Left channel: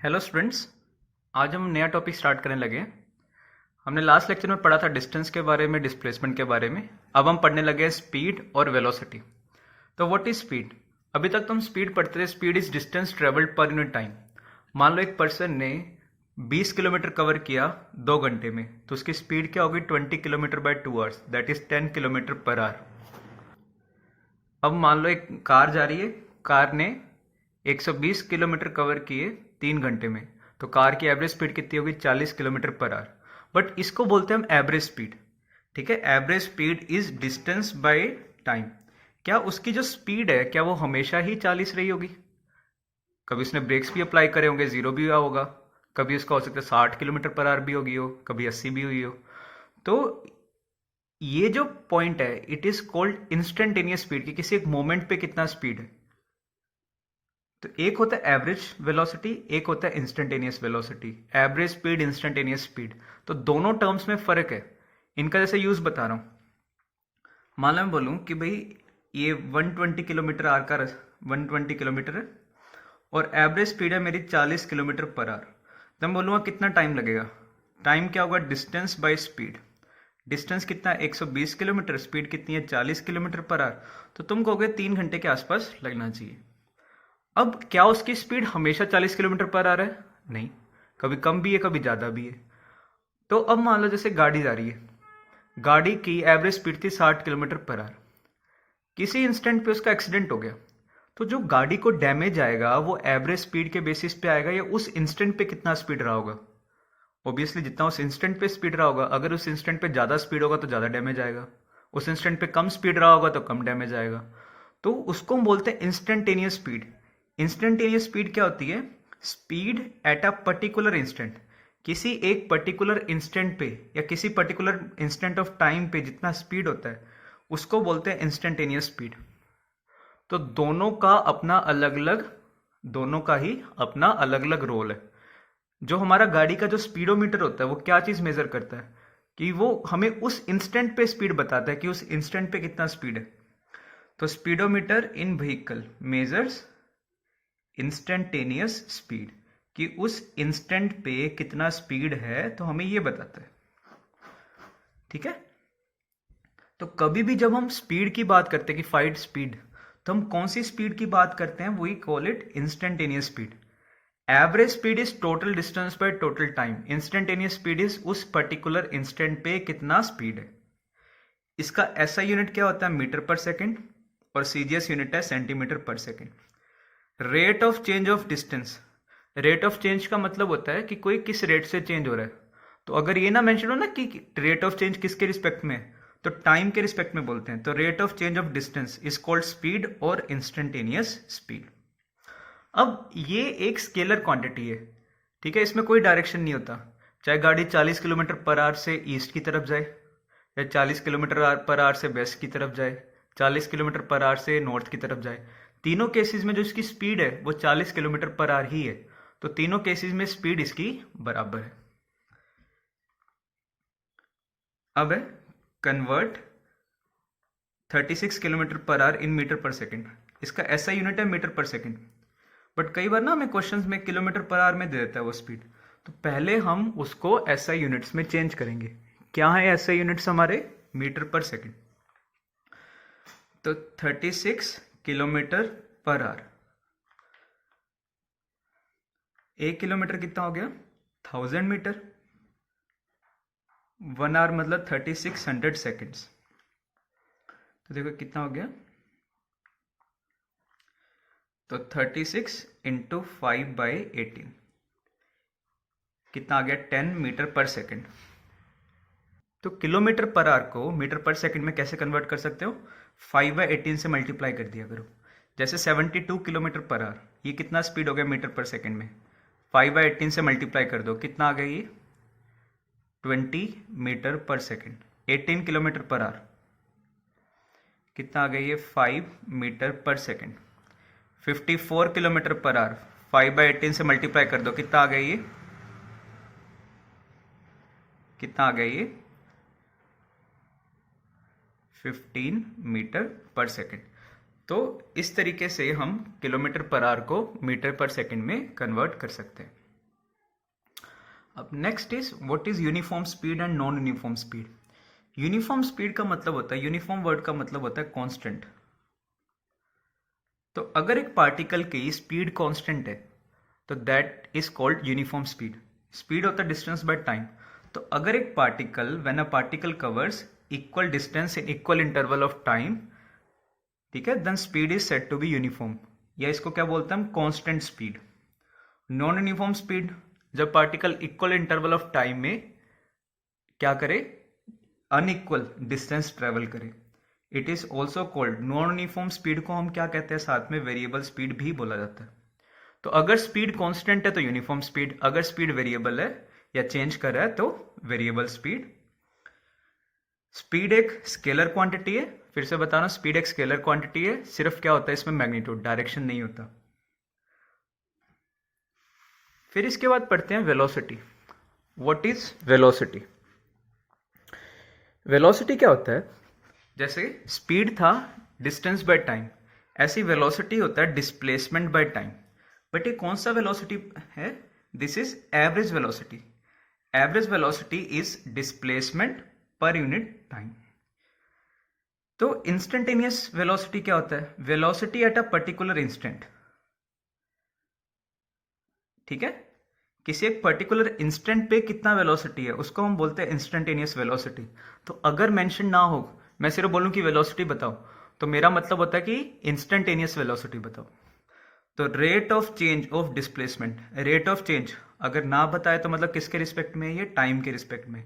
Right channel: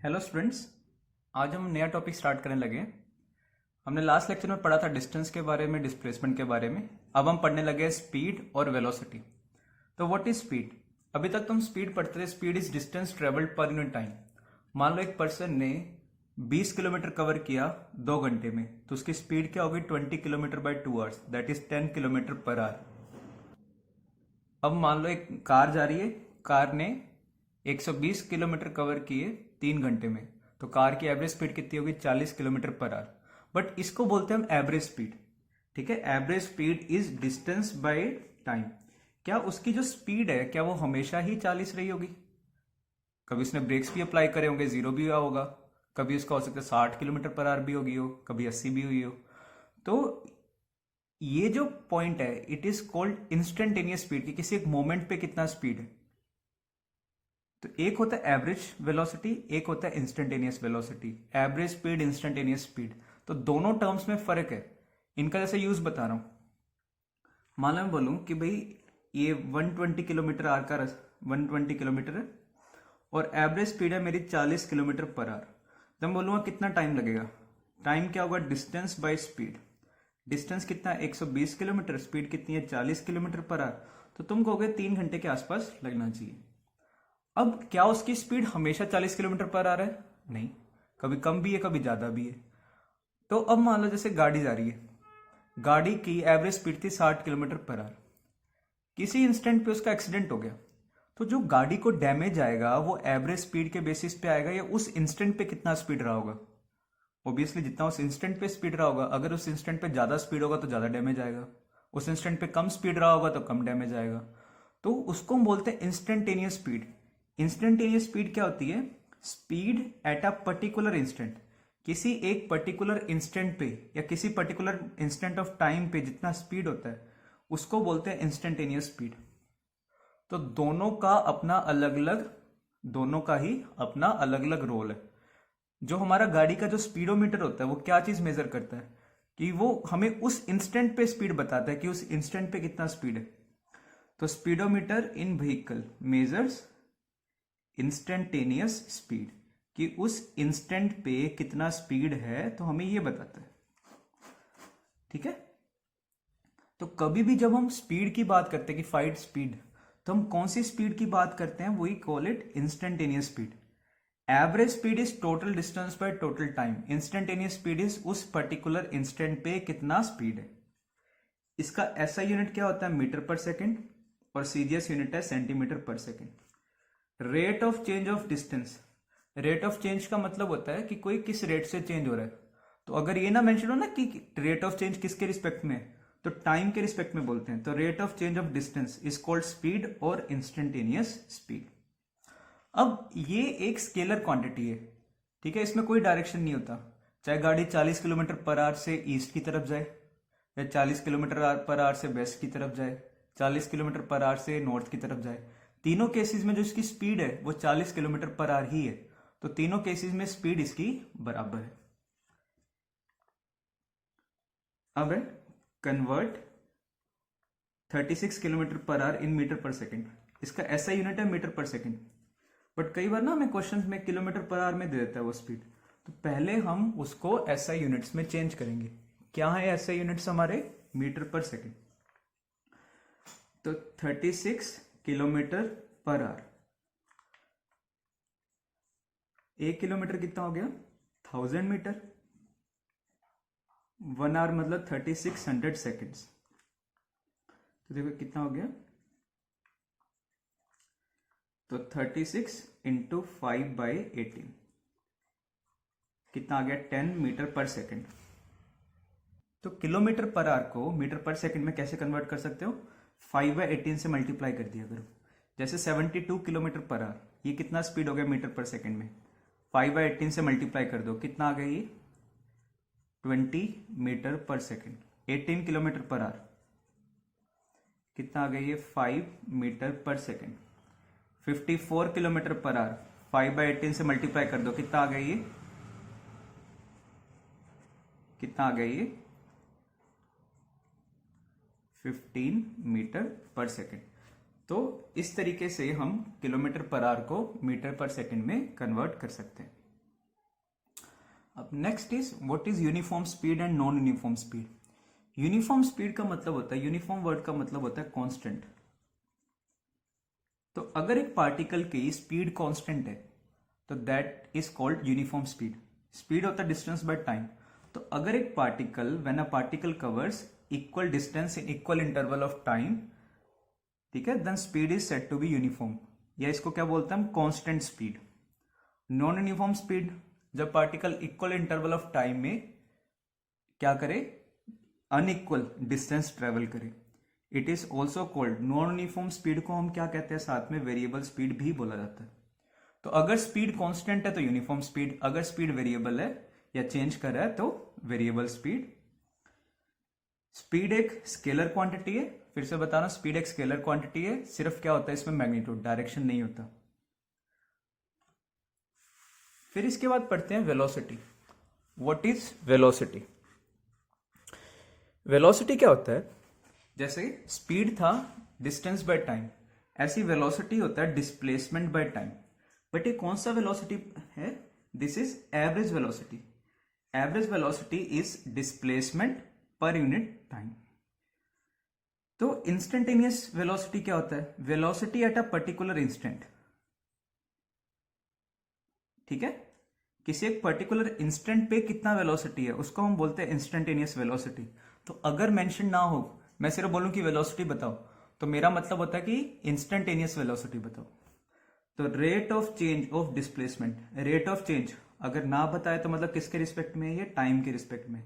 Hello students. आज हम नया टॉपिक स्टार्ट करने लगे हैं। हमने लास्ट लेक्चर में पढ़ा था डिस्टेंस के बारे में, डिस्प्लेसमेंट के बारे में। अब हम पढ़ने लगे हैं स्पीड और वेलोसिटी। तो व्हाट इज स्पीड? अभी तक तो हम स्पीड पढ़ते थे। Speed is distance travelled per unit time. मान लो एक पर्सन ने 20 किलोमीटर कवर किया 2 घंटे में, तो उसकी स्पीड क्या होगी? 20 kilometre bye 2 hours, that is 10 kilometre per our. अब मान लो एक कार जा रही है, कार ने 120 किलोमीटर कवर किए 3 घंटे में, तो कार की एवरेज स्पीड कितनी होगी? 40 किलोमीटर पर आवर। बट इसको बोलते हैं हम एवरेज स्पीड। ठीक है, average speed is distance by time. क्या उसकी जो स्पीड है, क्या वो हमेशा ही 40 रही होगी? कभी उसने ब्रेक्स भी अप्लाई करे होंगे, जीरो भी हुआ होगा। कभी उसका हो सकता है 60 किलोमीटर पर आवर भी होगी हो, कभी 80 भी हुई हो। तो ये जो पॉइंट है, it is called instantaneous speed, कि किसी एक मोमेंट पे कितना स्पीड है। तो एक होता है एवरेज वेलोसिटी, एक होता है instantaneous velocity. Average speed, instantaneous speed, तो दोनों टर्म्स में फर्क है। इनका जैसे यूज बता रहा हूं। मान लो मैं बोलूं कि भाई ये 120 किलोमीटर आर का 120 किलोमीटर है और एवरेज स्पीड है मेरी 40 किलोमीटर पर आवर। तो मैं बोलूँगा कितना टाइम लगेगा? टाइम क्या होगा? Distance by speed. डिस्टेंस कितना है? 120 किलोमीटर। स्पीड कितनी है? 40 किलोमीटर पर आवर। तो तुम कहोगे 3 घंटे के आसपास लगना चाहिए। अब क्या उसकी स्पीड हमेशा 40 किलोमीटर पर आवर है? नहीं, कभी कम भी है, कभी ज़्यादा भी है। तो अब मान लो जैसे गाड़ी जा रही है, गाड़ी की एवरेज स्पीड थी 60 किलोमीटर पर आवर। किसी इंस्टेंट पे उसका एक्सीडेंट हो गया, तो जो गाड़ी को डैमेज आएगा वो एवरेज स्पीड के बेसिस पे आएगा या उस इंस्टेंट पे कितना स्पीड रहा होगा? ऑब्वियसली जितना उस इंस्टेंट पे स्पीड रहा होगा। अगर उस इंस्टेंट पे ज़्यादा स्पीड होगा तो ज़्यादा डैमेज आएगा, उस इंस्टेंट पे कम स्पीड रहा होगा तो कम डैमेज आएगा। तो उसको हम बोलते हैं इंस्टेंटेनियस स्पीड। इंस्टेंटेनियस स्पीड क्या होती है? Speed at a particular instant. किसी एक पर्टिकुलर इंस्टेंट पे या किसी पर्टिकुलर इंस्टेंट ऑफ टाइम पे जितना स्पीड होता है उसको बोलते हैं इंस्टेंटेनियस स्पीड। तो दोनों का ही अपना अलग अलग रोल है। जो हमारा गाड़ी का जो स्पीडोमीटर होता है वो क्या चीज़ मेजर करता है? कि वो हमें उस इंस्टेंट पे स्पीड बताता है कि उस इंस्टेंट पे कितना स्पीड है। तो स्पीडोमीटर इन व्हीकल मेजर्स इंस्टेंटेनियस स्पीड, कि उस इंस्टेंट पे कितना स्पीड है तो हमें ये बताता है। ठीक है, तो कभी भी जब हम स्पीड की बात करते हैं कि फाइट स्पीड, तो हम कौन सी स्पीड की बात करते हैं? वही call it instantaneous speed. Average speed is total distance by total time. Instantaneous speed is उस पर्टिकुलर इंस्टेंट पे कितना स्पीड है। इसका एसआई यूनिट क्या होता है? Metre per second. और सीजीएस यूनिट है centimetre per second. Rate of change of distance. Rate of change का मतलब होता है कि कोई किस रेट से चेंज हो रहा है। तो अगर ये ना मेंशन हो ना कि रेट ऑफ चेंज किसके रिस्पेक्ट में है, तो टाइम के रिस्पेक्ट में बोलते हैं। तो rate of change of distance is called speed और इंस्टेंटेनियस स्पीड। अब ये एक स्केलर क्वांटिटी है। ठीक है, इसमें कोई डायरेक्शन नहीं होता। चाहे गाड़ी 40 किलोमीटर पर आवर से ईस्ट की तरफ जाए या 40 किलोमीटर पर आवर से वेस्ट की तरफ जाए, 40 किलोमीटर पर आवर से नॉर्थ की तरफ जाए, तीनों केसेस में जो इसकी स्पीड है वो 40 किलोमीटर पर आवर ही है। तो तीनों केसेस में स्पीड इसकी बराबर है। अब है convert 36 kilometre per our in metre per second. इसका ऐसा यूनिट है मीटर पर सेकेंड। बट कई बार ना हमें क्वेश्चंस में किलोमीटर पर आवर में दे देता है वो स्पीड। तो पहले हम उसको एसआई यूनिट्स में चेंज करेंगे। क्या है एसआई यूनिट्स हमारे? Metre per second. तो 36 किलोमीटर पर आवर, 1 किलोमीटर कितना हो गया? 1000 मीटर। 1 आवर मतलब 3600 सेकेंड्स। तो देखो कितना हो गया? तो 36 इंटू 5/18 कितना आ गया? 10 मीटर पर सेकेंड। तो किलोमीटर पर आवर को मीटर पर सेकंड में कैसे कन्वर्ट कर सकते हो? 5/18 से मल्टीप्लाई कर दिया करो। जैसे 72 किलोमीटर पर आवर, ये कितना स्पीड हो गया मीटर पर सेकंड में? 5/18 से मल्टीप्लाई कर दो, कितना आ गया ये? 20 मीटर पर सेकंड। 18 किलोमीटर पर आवर कितना आ गया ये? 5 मीटर पर सेकंड। 54 किलोमीटर पर आवर, 5/18 से मल्टीप्लाई कर दो, कितना आ गया ये? कितना आ गया ये? 15 मीटर पर सेकेंड। तो इस तरीके से हम किलोमीटर पर आवर को मीटर पर सेकेंड में कन्वर्ट कर सकते हैं। अब next is what is uniform speed and non uniform speed. Uniform speed का मतलब होता है, यूनिफॉर्म वर्ड का मतलब होता है कांस्टेंट। तो अगर एक पार्टिकल की स्पीड कांस्टेंट है तो that is called uniform speed. Speed होता है डिस्टेंस बाय टाइम। तो अगर एक particle, when a particle covers equal distance in equal interval of time, ठीक है, then speed is said to be uniform, या इसको क्या बोलते हैं हम, constant speed. Non uniform speed, जब particle equal interval of time में क्या करे, अनइक्वल डिस्टेंस ट्रेवल करे, it is also called, non uniform speed को हम क्या कहते हैं साथ में, वेरिएबल स्पीड भी बोला जाता है। तो अगर स्पीड कांस्टेंट है तो यूनिफॉर्म स्पीड, अगर स्पीड वेरिएबल है या चेंज कर रहा है तो वेरिएबल स्पीड। स्पीड एक स्केलर क्वांटिटी है, फिर से बता रहा हूं, स्पीड एक स्केलर क्वांटिटी है, सिर्फ क्या होता है इसमें, मैग्नीट्यूड, डायरेक्शन नहीं होता। फिर इसके बाद पढ़ते हैं velocity. What is velocity. Velocity क्या होता है, जैसे स्पीड था डिस्टेंस बाय टाइम, ऐसी वेलोसिटी होता है डिस्प्लेसमेंट बाय टाइम। बट ये कौन सा वेलोसिटी है, this is average velocity. Average velocity is displacement per unit time. तो इंस्टेंटेनियस वेलोसिटी क्या होता है, velocity at a particular instant, ठीक है, किसी एक पर्टिकुलर इंस्टेंट पे कितना वेलोसिटी है उसको हम बोलते हैं इंस्टेंटेनियस वेलोसिटी। तो अगर मेंशन ना हो, मैं सिर्फ बोलूं कि वेलोसिटी बताओ, तो मेरा मतलब होता है कि इंस्टेंटेनियस वेलोसिटी बताओ। तो rate of change of displacement, rate of change अगर ना बताए तो मतलब किसके रिस्पेक्ट में, ये टाइम के रिस्पेक्ट में।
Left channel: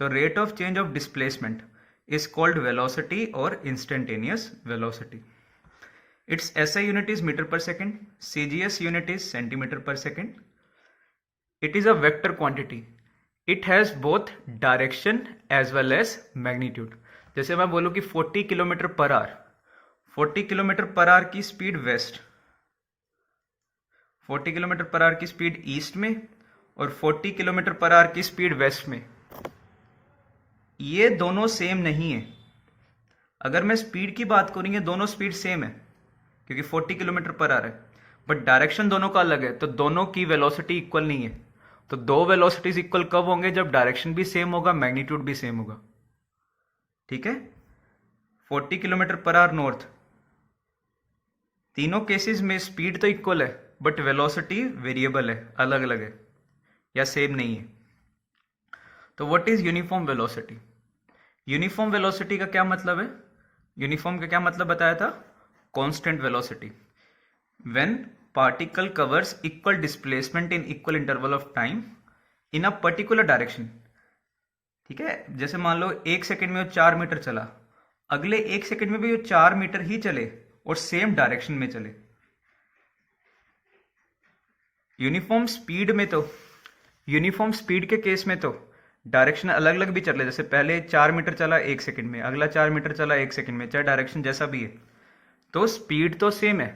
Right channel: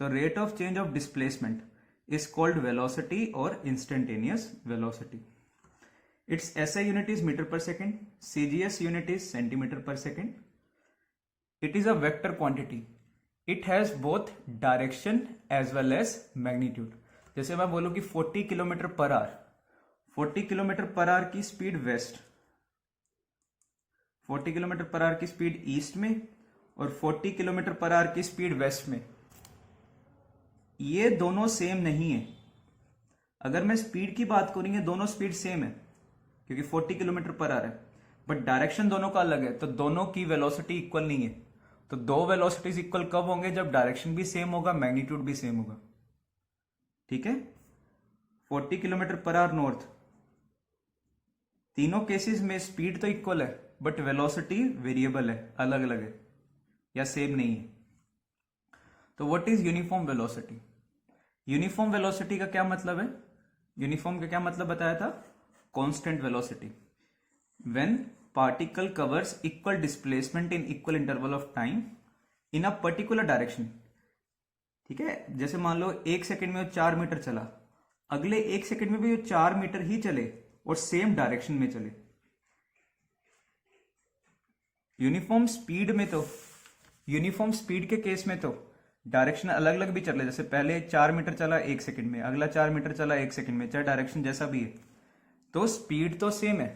तो rate of change of displacement is called velocity और instantaneous velocity. Its SI unit is metre per second, CGS unit is centimetre per second. It is a vector quantity. It has both direction as well as magnitude. जैसे मैं बोलूं कि 40 kilometre per hour, 40 kilometre per hour की speed west, 40 kilometre per hour की speed east में और 40 kilometre per hour की speed waste में, ये दोनों सेम नहीं है। अगर मैं स्पीड की बात करूं, ये दोनों स्पीड सेम है क्योंकि 40 किलोमीटर पर आवर है, बट डायरेक्शन दोनों का अलग है, तो दोनों की वेलोसिटी इक्वल नहीं है। तो दो वेलोसिटीज इक्वल कब होंगे, जब डायरेक्शन भी सेम होगा, मैग्नीट्यूड भी सेम होगा, ठीक है। 40 किलोमीटर पर आवर नॉर्थ, तीनों केसेस में स्पीड तो इक्वल है बट वेलोसिटी वेरिएबल है, अलग अलग है या सेम नहीं है। तो what is uniform velocity. Uniform velocity का क्या मतलब है, यूनिफॉर्म का क्या मतलब बताया था, constant velocity. When particle covers equal displacement in equal interval of time in a particular direction, ठीक है। जैसे मान लो 1 सेकंड में वो 4 मीटर चला, अगले 1 सेकंड में भी वो 4 मीटर ही चले और सेम डायरेक्शन में चले। यूनिफॉर्म स्पीड में तो, यूनिफॉर्म स्पीड के केस में तो डायरेक्शन अलग अलग भी चले, जैसे पहले 4 मीटर चला 1 सेकंड में, अगला 4 मीटर चला 1 सेकंड में, चाहे डायरेक्शन जैसा भी है, तो स्पीड तो सेम है।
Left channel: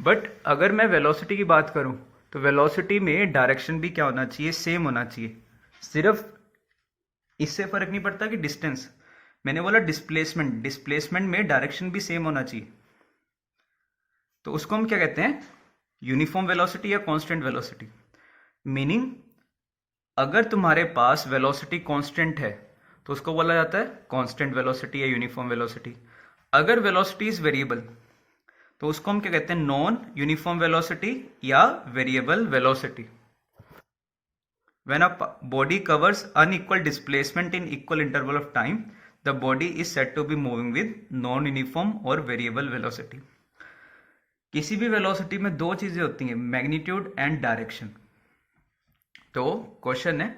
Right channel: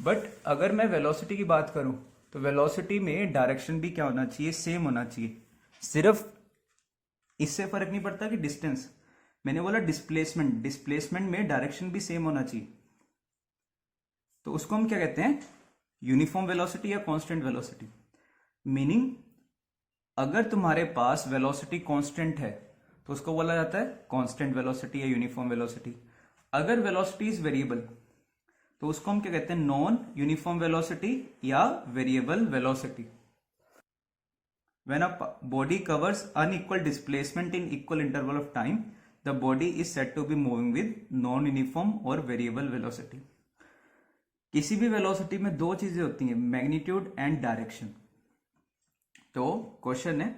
बट अगर मैं वेलोसिटी की बात करूं तो वेलोसिटी में डायरेक्शन भी क्या होना चाहिए, सेम होना चाहिए। सिर्फ इससे फर्क नहीं पड़ता कि डिस्टेंस, मैंने बोला डिस्प्लेसमेंट, डिस्प्लेसमेंट में डायरेक्शन भी सेम होना चाहिए। तो उसको हम क्या कहते हैं, यूनिफॉर्म वेलोसिटी या कांस्टेंट वेलोसिटी। मीनिंग अगर तुम्हारे पास वेलोसिटी कांस्टेंट है तो उसको बोला जाता है कांस्टेंट वेलोसिटी या यूनिफॉर्म वेलोसिटी। अगर वेलोसिटी इज वेरिएबल तो उसको हम क्या कहते हैं, नॉन यूनिफॉर्म वेलोसिटी या variable velocity. When a body covers unequal displacement in equal interval of time, the body is said to be moving with non uniform और variable velocity. किसी भी वेलोसिटी में दो चीजें होती हैं, मैग्नीट्यूड एंड डायरेक्शन। तो क्वेश्चन है,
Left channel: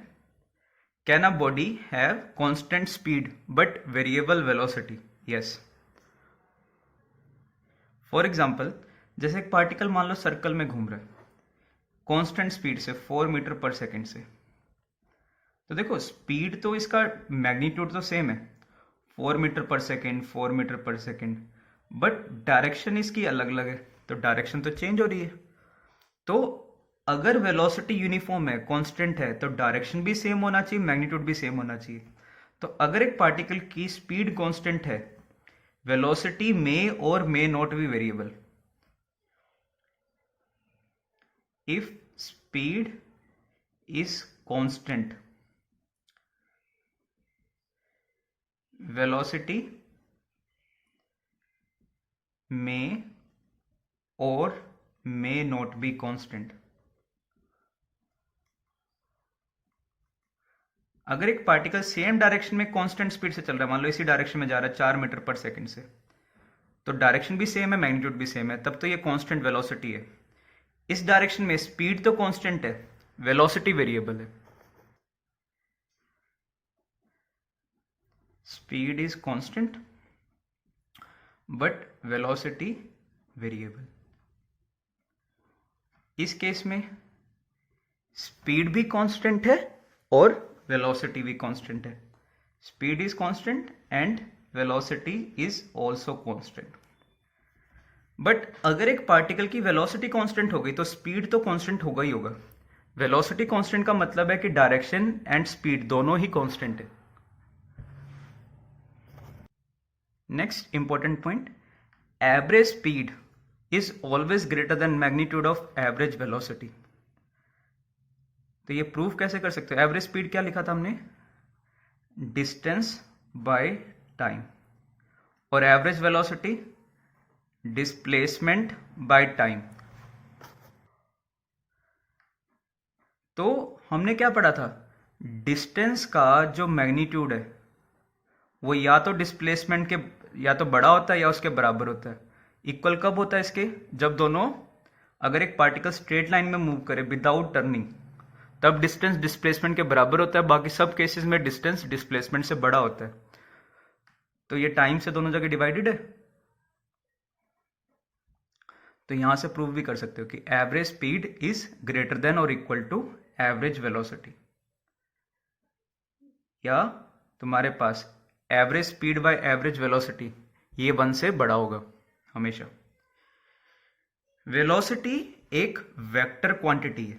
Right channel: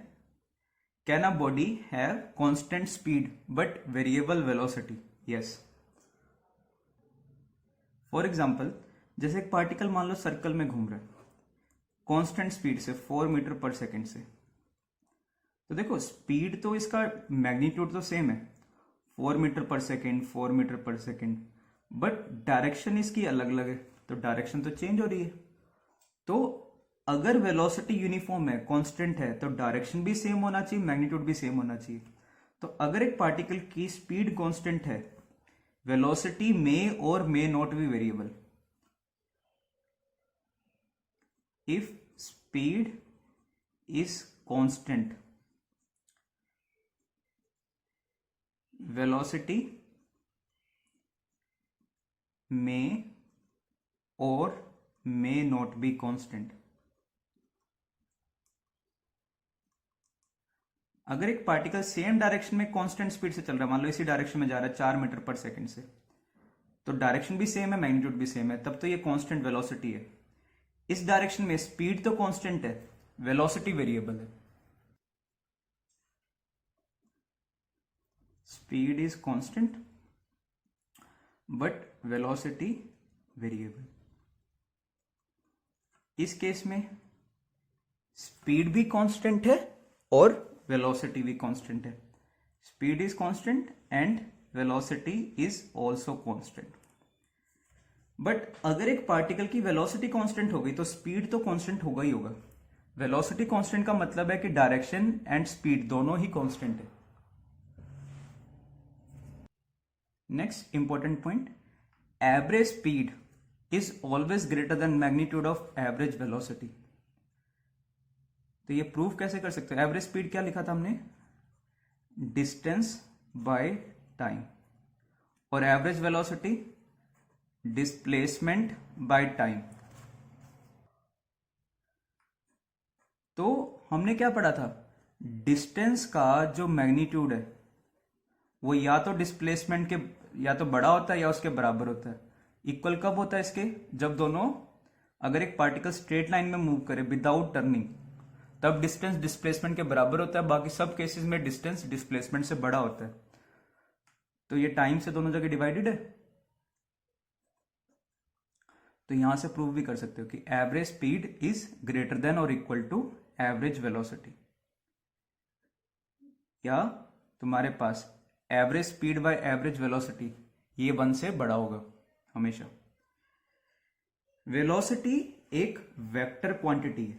can a body have constant speed but variable velocity. Yes. For example, जैसे एक पार्टिकल मान लो सर्कल में घूम रहा है कांस्टेंट स्पीड से 4 मीटर पर सेकेंड से, तो देखो स्पीड तो इसका, मैग्नीट्यूड तो सेम है 4 metre per second, 4 metre per second, but direction इसकी अलग अलग है, तो डायरेक्शन तो चेंज हो रही है। तो अगर वेलोसिटी यूनिफॉर्म है, कांस्टेंट है, तो डायरेक्शन भी सेम होना चाहिए, मैग्नीट्यूड भी सेम होना चाहिए। तो अगर एक पार्टिकल की स्पीड कांस्टेंट है, velocity may or may not be variable. If speed is constant, velocity may or may not be constant। अगर एक पार्टिकल सेम डायरेक्शन में कांस्टेंट स्पीड से चल रहा है, मान लो इसी डायरेक्शन में जा रहा है 4 मीटर पर सेकंड से, तो डायरेक्शन भी सेम है, मैग्नीट्यूड भी सेम है, तब तो ये कांस्टेंट वेलोसिटी है। इस डायरेक्शन में स्पीड तो कांस्टेंट है, वेलोसिटी वेरिएबल है। Speed is constant but velocity variable. इस केस में स्पीड भी कांस्टेंट है और वेलोसिटी भी कांस्टेंट है। Speed is constant and velocity is also constant. But अगर एक पार्टिकल की वेलोसिटी कांस्टेंट हो गई तो स्पीड तो कांस्टेंट होगा ही होगा। वेलोसिटी कांस्टेंट का मतलब है कि डायरेक्शन एंड स्पीड दोनों ही कांस्टेंट है। Next important point, average speed is always greater than magnitude of average velocity। तो ये प्रूफ कैसे कर सकते हो? एवरेज स्पीड क्या लिखा था हमने? Distance by time. और average velocity displacement by time. तो हमने क्या पढ़ा था? डिस्टेंस का जो मैग्नीट्यूड है वो या तो डिस्प्लेसमेंट के या तो बड़ा होता है या उसके बराबर होता है। इक्वल कब होता है इसके? जब दोनों, अगर एक पार्टिकल स्ट्रेट लाइन में मूव करे विदाउट टर्निंग, तब डिस्टेंस डिस्प्लेसमेंट के बराबर होता है। बाकी सब केसेस में डिस्टेंस डिस्प्लेसमेंट से बड़ा होता है। तो ये टाइम से दोनों जगह डिवाइडेड है। तो यहां से प्रूव भी कर सकते हो कि average speed is greater than और इक्वल टू एवरेज वेलोसिटी। या तुम्हारे पास average speed by average velocity ये 1 से बड़ा होगा हमेशा। वेलोसिटी एक वेक्टर क्वांटिटी है,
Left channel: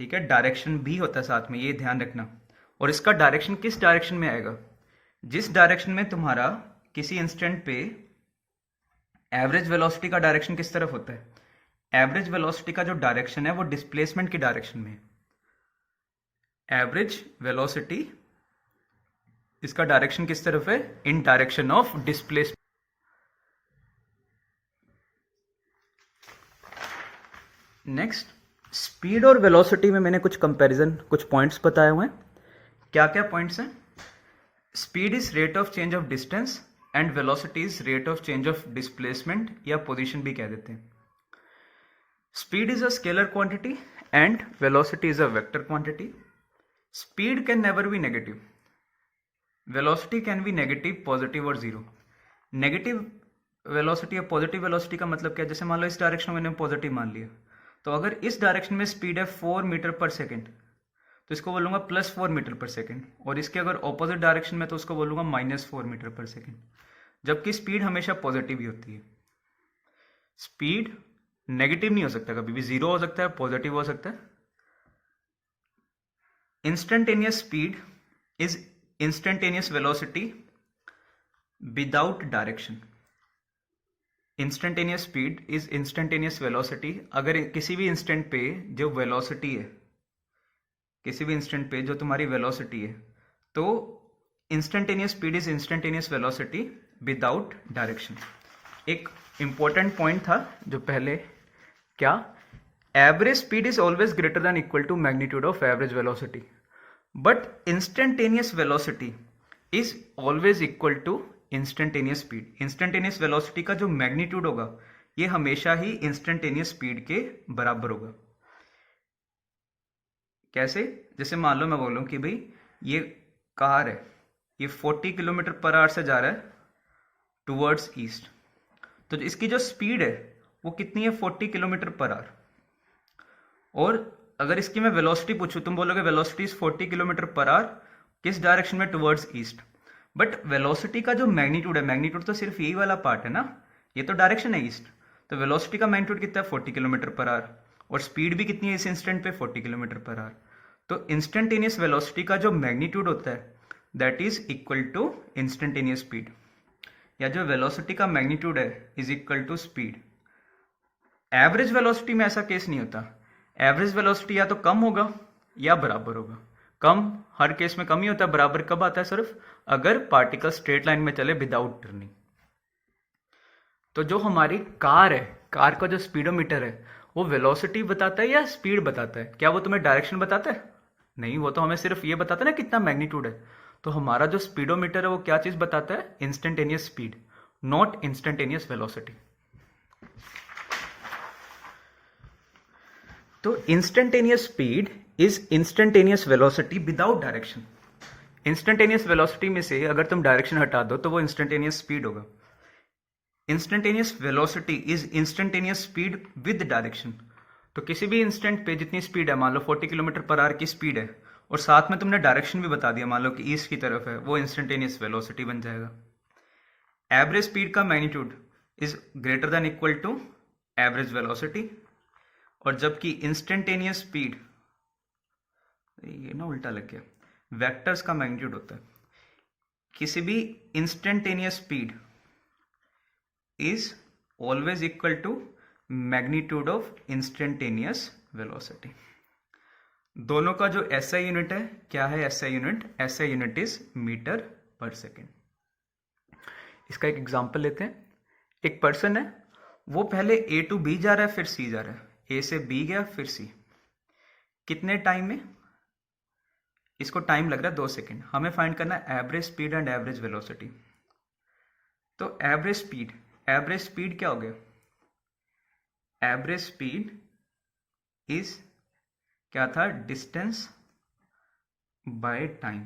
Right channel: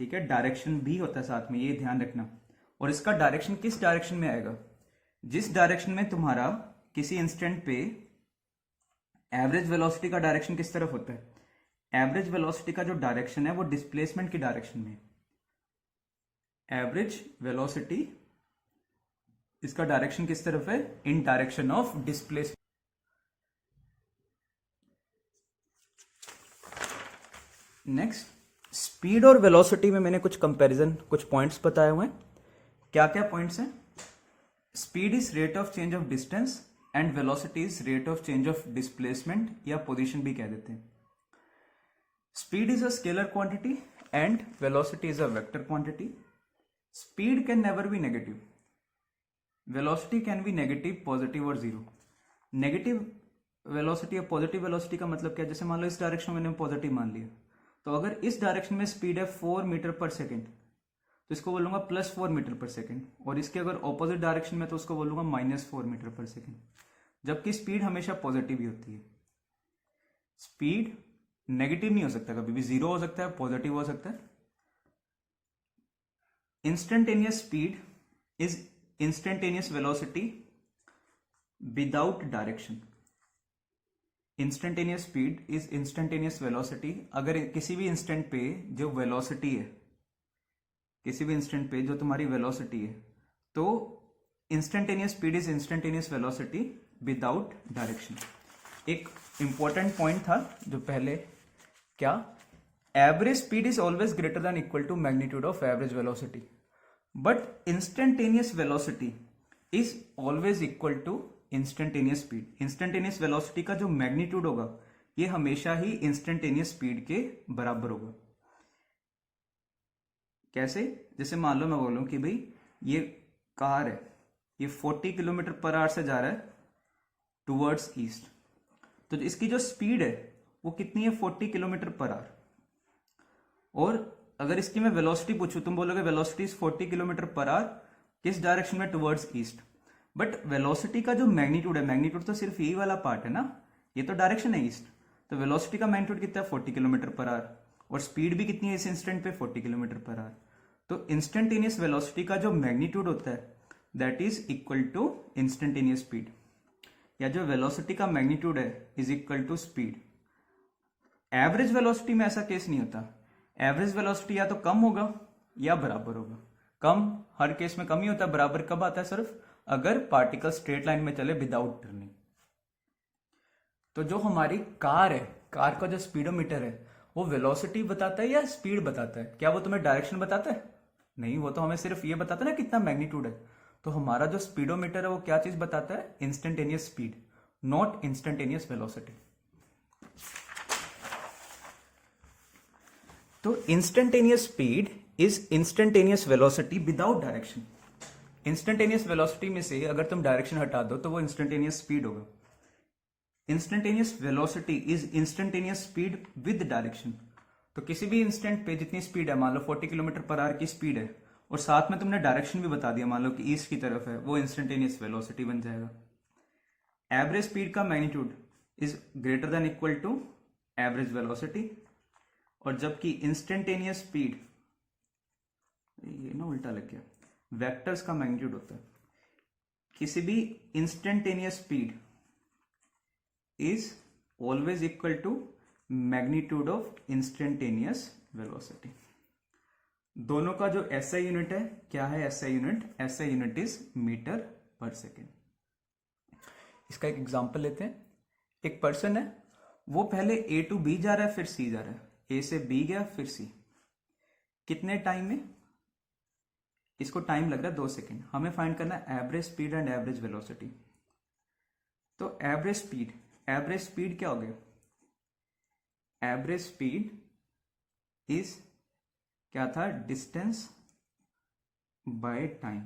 ठीक है, डायरेक्शन भी होता है साथ में, ये ध्यान रखना। और इसका डायरेक्शन किस डायरेक्शन में आएगा? जिस डायरेक्शन में तुम्हारा किसी इंस्टेंट पे एवरेज वेलोसिटी का डायरेक्शन किस तरफ होता है? एवरेज वेलोसिटी का जो डायरेक्शन है वो डिस्प्लेसमेंट की डायरेक्शन में है। एवरेज वेलोसिटी, इसका डायरेक्शन किस तरफ है? इन direction of displacement. Next, speed और वेलोसिटी में मैंने कुछ कंपैरिजन, कुछ पॉइंट्स बताए हुए हैं। क्या क्या पॉइंट्स हैं? Speed is rate of change of distance and velocity is rate of change of displacement या पोजीशन भी कह देते हैं। Speed is a scalar quantity and velocity is a vector quantity. Speed can never be negative, velocity can be negative, positive और zero. Negative velocity या positive velocity का मतलब क्या है? जैसे मान लो इस डायरेक्शन में मैंने पॉजिटिव मान लिया, तो अगर इस डायरेक्शन में स्पीड है 4 मीटर पर सेकेंड तो इसको बोलूंगा +4 मीटर पर सेकेंड, और इसके अगर ऑपोजिट डायरेक्शन में तो उसको बोलूंगा -4 मीटर पर सेकेंड, जबकि स्पीड हमेशा पॉजिटिव ही होती है। स्पीड नेगेटिव नहीं हो सकता, कभी भी जीरो हो सकता है, पॉजिटिव हो सकता है। Instantaneous speed is instantaneous velocity without direction. Instantaneous speed is instantaneous velocity. अगर किसी भी इंस्टेंट पे जो वेलोसिटी है, किसी भी इंस्टेंट पे जो तुम्हारी वेलोसिटी है, तो instantaneous speed is instantaneous velocity without direction. एक इंपॉर्टेंट पॉइंट था जो पहले, क्या? Average speed is always greater than equal to magnitude of average velocity, but instantaneous velocity is always equal to instantaneous speed. Instantaneous velocity का जो magnitude होगा ये हमेशा ही इंस्टेंटेनियस स्पीड के बराबर होगा। कैसे? जैसे मान लो मैं बोलूं कि भाई ये कार है, ये 40 किलोमीटर पर आवर से जा रहा है टूवर्ड्स ईस्ट, तो इसकी जो स्पीड है वो कितनी है? 40 किलोमीटर पर आवर। और अगर इसकी मैं वेलोसिटी पूछूं, तुम बोलोगे velocity is 40 kilometre per our, किस डायरेक्शन में? Towards east. बट वेलोसिटी का जो मैग्नीट्यूड है, मैग्नीट्यूड तो सिर्फ यही वाला पार्ट है ना, ये तो डायरेक्शन है ईस्ट, तो वेलोसिटी का मैग्नीट्यूड कितना है? 40 किलोमीटर पर आवर। और स्पीड भी कितनी है इस इंस्टेंट पे? 40 किलोमीटर पर आवर। तो इंस्टेंटेनियस वेलोसिटी का जो मैग्नीट्यूड होता है that is equal to instantaneous speed, या जो वेलोसिटी का मैग्नीट्यूड है is equal to speed. Average velocity में ऐसा केस नहीं होता। एवरेज वेलोसिटी या तो कम होगा या बराबर होगा। कम, हर केस में कम ही होता है, बराबर कब आता है? सिर्फ अगर पार्टिकल स्ट्रेट लाइन में चले विदाउट टर्निंग। तो जो हमारी कार है, कार का जो स्पीडोमीटर है वो वेलोसिटी बताता है या स्पीड बताता है? क्या वो तुम्हें डायरेक्शन बताता है? नहीं, वो तो हमें सिर्फ ये बताता है ना कितना मैग्नीट्यूड है। तो हमारा जो स्पीडोमीटर है वो क्या चीज बताता है? Instantaneous speed, not instantaneous velocity. तो instantaneous speed is instantaneous velocity without direction. Instantaneous velocity में से अगर तुम डायरेक्शन हटा दो तो वो इंस्टेंटेनियस स्पीड होगा। Instantaneous velocity is instantaneous speed with direction. तो किसी भी इंस्टेंट पे जितनी स्पीड है, मान लो 40 किलोमीटर पर आवर की स्पीड है और साथ में तुमने डायरेक्शन भी बता दिया, मान लो कि ईस्ट की तरफ है, वो इंस्टेंटेनियस वेलोसिटी बन जाएगा। एवरेज स्पीड का magnitude is greater than equal to average velocity, और जबकि इंस्टेंटेनियस स्पीड, ये ना उल्टा लग गया, वेक्टर्स का मैग्नीट्यूड होता है। किसी भी instantaneous speed is always equal to magnitude of instantaneous velocity. दोनों का जो एसआई यूनिट है, क्या है SI unit? SI unit is metre per second. इसका एक एग्जांपल लेते हैं। एक पर्सन है, वो पहले ए टू बी जा रहा है, फिर सी जा रहा है। ए से बी गया, फिर सी। कितने टाइम में? इसको टाइम लग रहा है 2 सेकेंड। हमें फाइंड करना है average speed and average velocity. तो एवरेज स्पीड क्या हो गया? एवरेज स्पीड इज क्या था? Distance by time.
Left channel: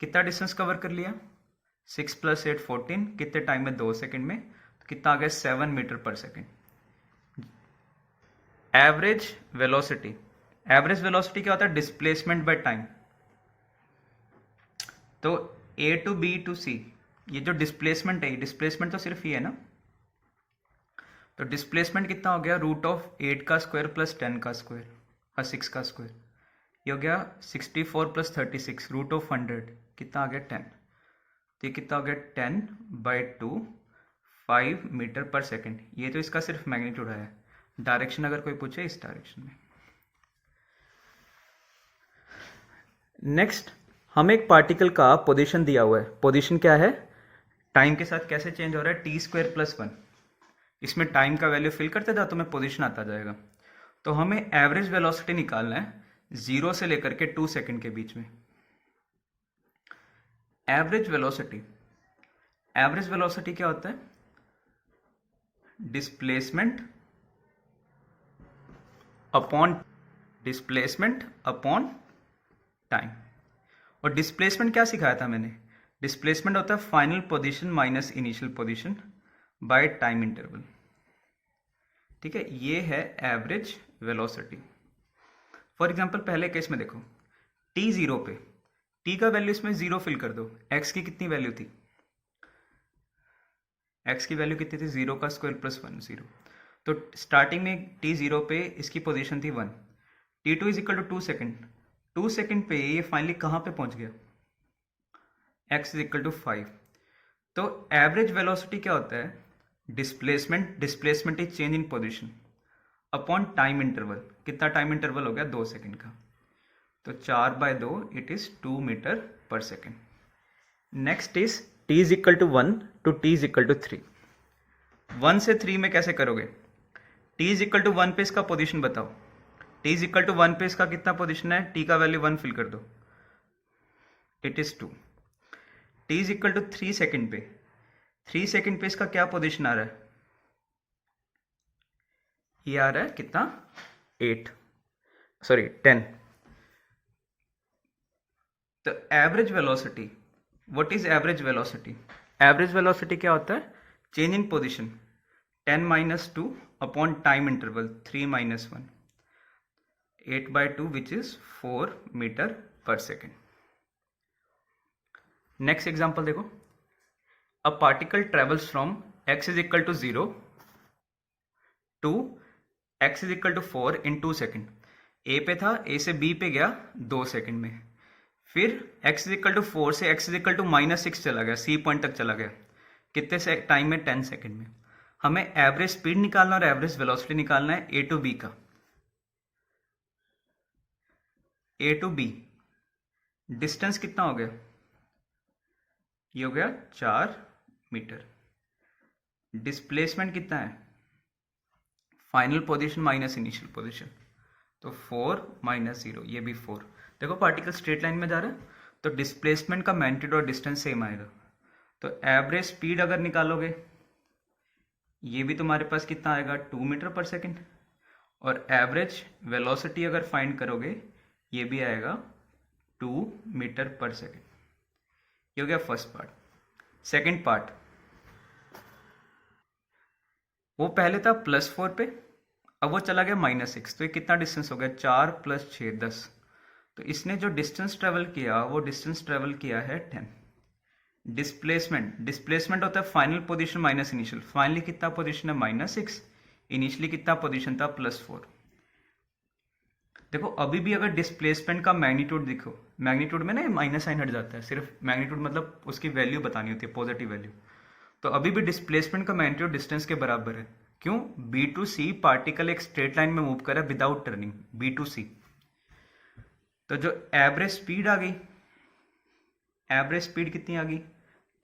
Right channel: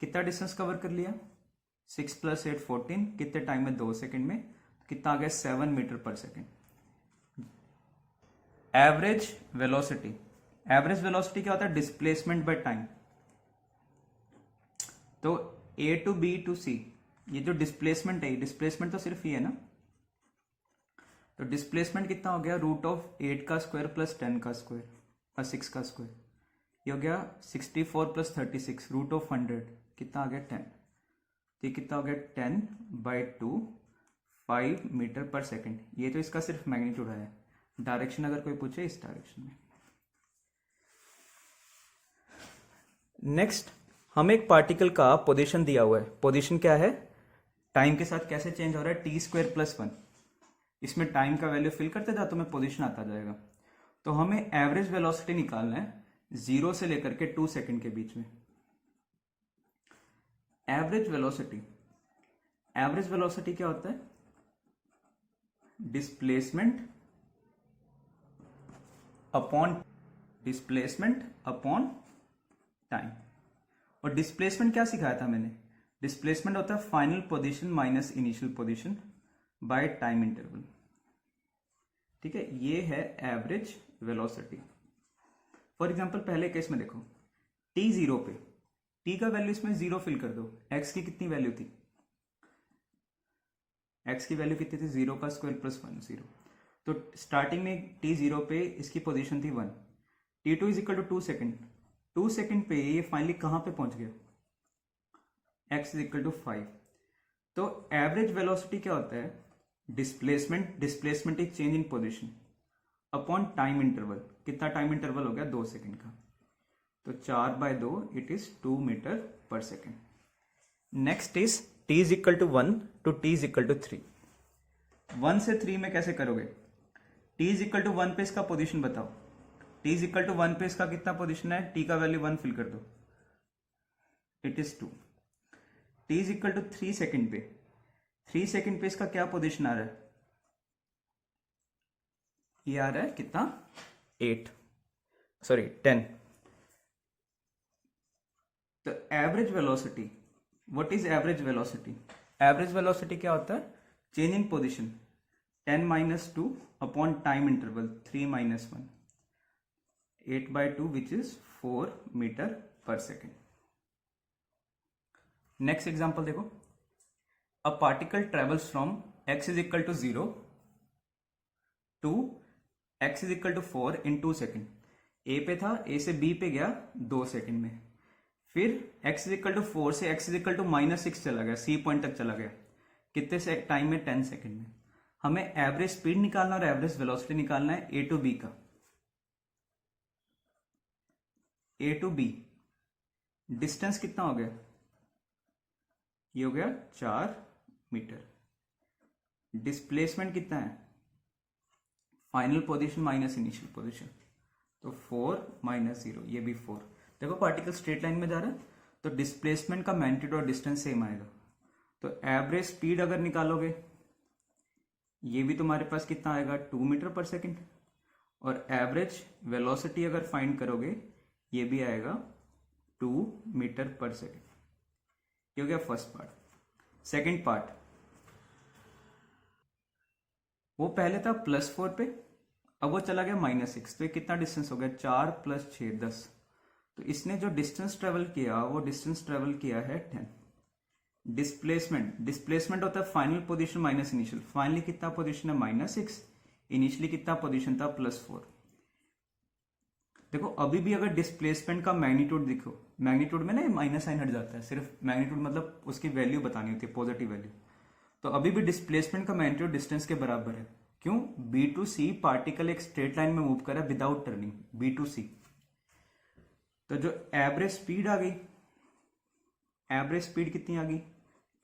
कितना डिस्टेंस कवर कर लिया? 6 + 8 14। कितने टाइम में? 2 सेकेंड में। तो कितना आ गया? 7 metre per second. Average velocity क्या होता है? Displacement by time. तो ए टू बी टू सी, ये जो डिस्प्लेसमेंट है, डिस्प्लेसमेंट तो सिर्फ ये है ना, तो डिस्प्लेसमेंट कितना हो गया? √8 का स्क्वायर प्लस 10 का स्क्वायर और 6 का स्क्वायर। ये हो गया 64 + 36 √100। कितना आ गया? 10। तो ये कितना हो गया? 10/2 5 मीटर पर सेकेंड। ये तो इसका सिर्फ मैग्नीट्यूड है। डायरेक्शन अगर कोई पूछे, इस डायरेक्शन में। नेक्स्ट, हमें एक पार्टिकल का पोजीशन दिया हुआ है। पोजीशन क्या है? टाइम के साथ कैसे चेंज हो रहा है? t² + 1। इसमें टाइम का वैल्यू फिल करते जाओ तो हमें पोजीशन आता जाएगा। तो हमें एवरेज वेलोसिटी निकालना है 0 से लेकर के 2 सेकेंड के बीच में। एवरेज वेलोसिटी क्या होता है? Displacement upon time. और डिस्प्लेसमेंट क्या सिखाया था मैंने? डिस्प्लेसमेंट होता है final position minus initial position by time interval. ठीक है, ये है एवरेज वेलोसिटी। फॉर एग्जांपल पहले केस में देखो, t0 पे, t का वैल्यू इसमें 0 फिल कर दो। x की कितनी वैल्यू थी? x की वैल्यू कितनी थी? 0 का स्क्वायर प्लस 1 0। तो स्टार्टिंग में t0 पे इसकी पोजीशन थी 1। t2 = 2 second. 2 सेकेंड पे ये फाइनली कहां पे पहुंच गया? x = 5। तो एवरेज वेलोसिटी क्या होता है? Displacement is change in position upon time interval. कितना टाइम इंटरवल हो गया? 2 सेकेंड का। तो 4/2 it is 2 metre per second. Next is t = 1 to t = 3। 1 से 3 में कैसे करोगे? t = 1 पे इसका पोजीशन बताओ। t = 1 पे इसका कितना पोजीशन है? t का वैल्यू 1 फिल कर दो, इट इज 2। t = 3 सेकेंड पे, 3 सेकेंड पे इसका क्या पोजीशन आ रहा है? ये आ रहा है कितना? 10। तो average velocity, what is average velocity? Average velocity क्या होता है? Change in position 10 - 2 upon time interval 3 - 1, 8/2 which is 4 metre per second. Next example देखो। A particle travels from x = 0 to x = 4 in 2 second. A पे था, ए से B पे गया 2 second में। फिर x = 4 से x = -6 चला गया, सी पॉइंट तक चला गया। कितने से टाइम में? 10 सेकेंड में। हमें एवरेज स्पीड निकालना और एवरेज वेलोसिटी निकालना है ए टू बी का। ए टू बी डिस्टेंस कितना हो गया, ये हो गया 4 मीटर। डिस्प्लेसमेंट कितना है, final position minus initial position, तो 4 माइनस 0, ये भी 4। देखो पार्टिकल स्ट्रेट लाइन में जा रहा है तो डिस्प्लेसमेंट का मैग्नीट्यूड और डिस्टेंस सेम आएगा। तो एवरेज स्पीड अगर निकालोगे ये भी तुम्हारे पास कितना आएगा, 2 मीटर पर सेकेंड, और एवरेज वेलोसिटी अगर फाइंड करोगे ये भी आएगा 2 मीटर पर सेकेंड। ये हो गया फर्स्ट पार्ट। सेकेंड पार्ट, वो पहले था +4 पे, अब वो चला गया -6, तो ये कितना डिस्टेंस हो गया, 4 + 6 10। तो इसने जो डिस्टेंस ट्रेवल किया वो डिस्टेंस ट्रेवल किया है 10। डिस्प्लेसमेंट होता है final position minus initial, finally कितना पोजीशन है -6, इनिशियली कितना पोजीशन था +4। देखो अभी भी अगर डिस्प्लेसमेंट का मैग्नीट्यूड देखो, मैग्नीट्यूड में ना माइनस साइन हट जाता है, सिर्फ मैग्नीट्यूड मतलब उसकी वैल्यू बतानी होती है, पॉजिटिव वैल्यू। तो अभी भी डिस्प्लेसमेंट का मैग्नीट्यूड डिस्टेंस के बराबर है। क्यों, बी टू सी पार्टिकल एक स्ट्रेट लाइन में मूव कर रहा है विदाउट टर्निंग, बी टू सी। तो जो एवरेज स्पीड आ गई, एवरेज स्पीड कितनी आ गई,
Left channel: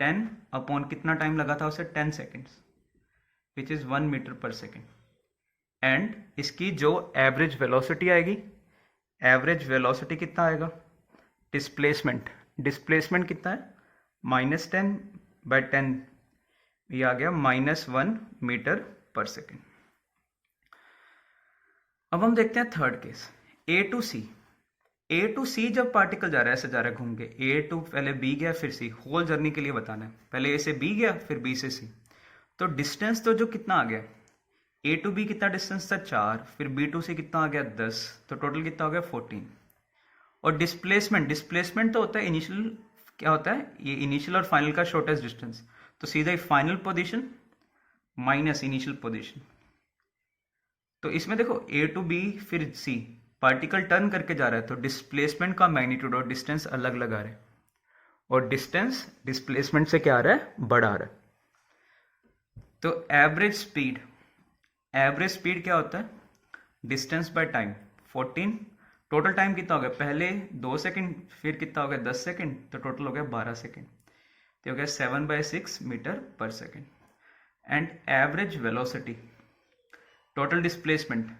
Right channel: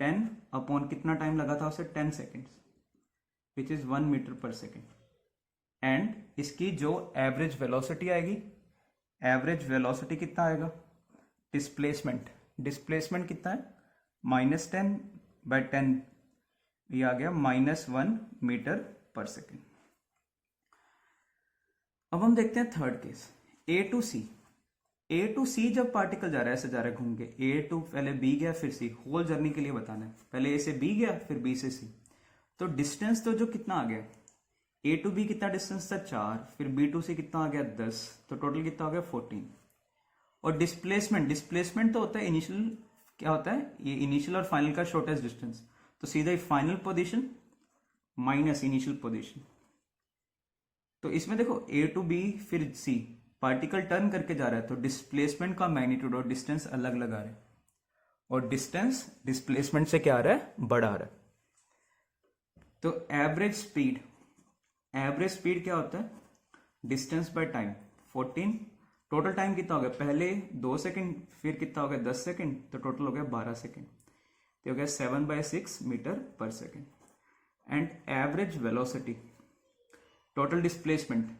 10 अपॉन कितना टाइम लगा था उसे, 10 seconds, which is 1 metre per second. And इसकी जो एवरेज वेलोसिटी आएगी, एवरेज वेलोसिटी कितना आएगा, डिस्प्लेसमेंट कितना है, -10/10, ये आ गया -1 मीटर पर सेकेंड। अब हम देखते हैं थर्ड केस, ए टू सी जब पार्टिकल जा रहा है, ऐसे जा रहा है घूम के, ए टू पहले बी गया फिर सी, होल जर्नी के लिए बताना है, पहले ए से बी गया फिर बी से सी। तो डिस्टेंस तो जो कितना आ गया, ए टू बी कितना डिस्टेंस था 4, फिर बी टू सी कितना आ गया 10, तो टोटल कितना हो गया 14। और डिस्प्लेसमेंट तो होता है इनिशियल, क्या होता है ये इनिशियल और फाइनल का शॉर्टेस्ट डिस्टेंस, तो सीधा ही final position minus initial position. तो इसमें देखो ए टू बी फिर सी, पार्टिकल टर्न करके जा रहा है, तो डिस्प्लेसमेंट का मैग्नीट्यूड और डिस्टेंस अलग अलग आ रहा है, और डिस्टेंस डिस्प्लेसमेंट से क्या आ रहा है, बड़ा आ रहा है। तो एवरेज स्पीड क्या होता है, distance by time 14, total time कितना हो गया, पहले 2 सेकेंड फिर कितना हो गया 10 सेकेंड, तो टोटल हो गया 12 सेकेंड, तो हो गया 7/6 metre per second. And average velocity, total displacement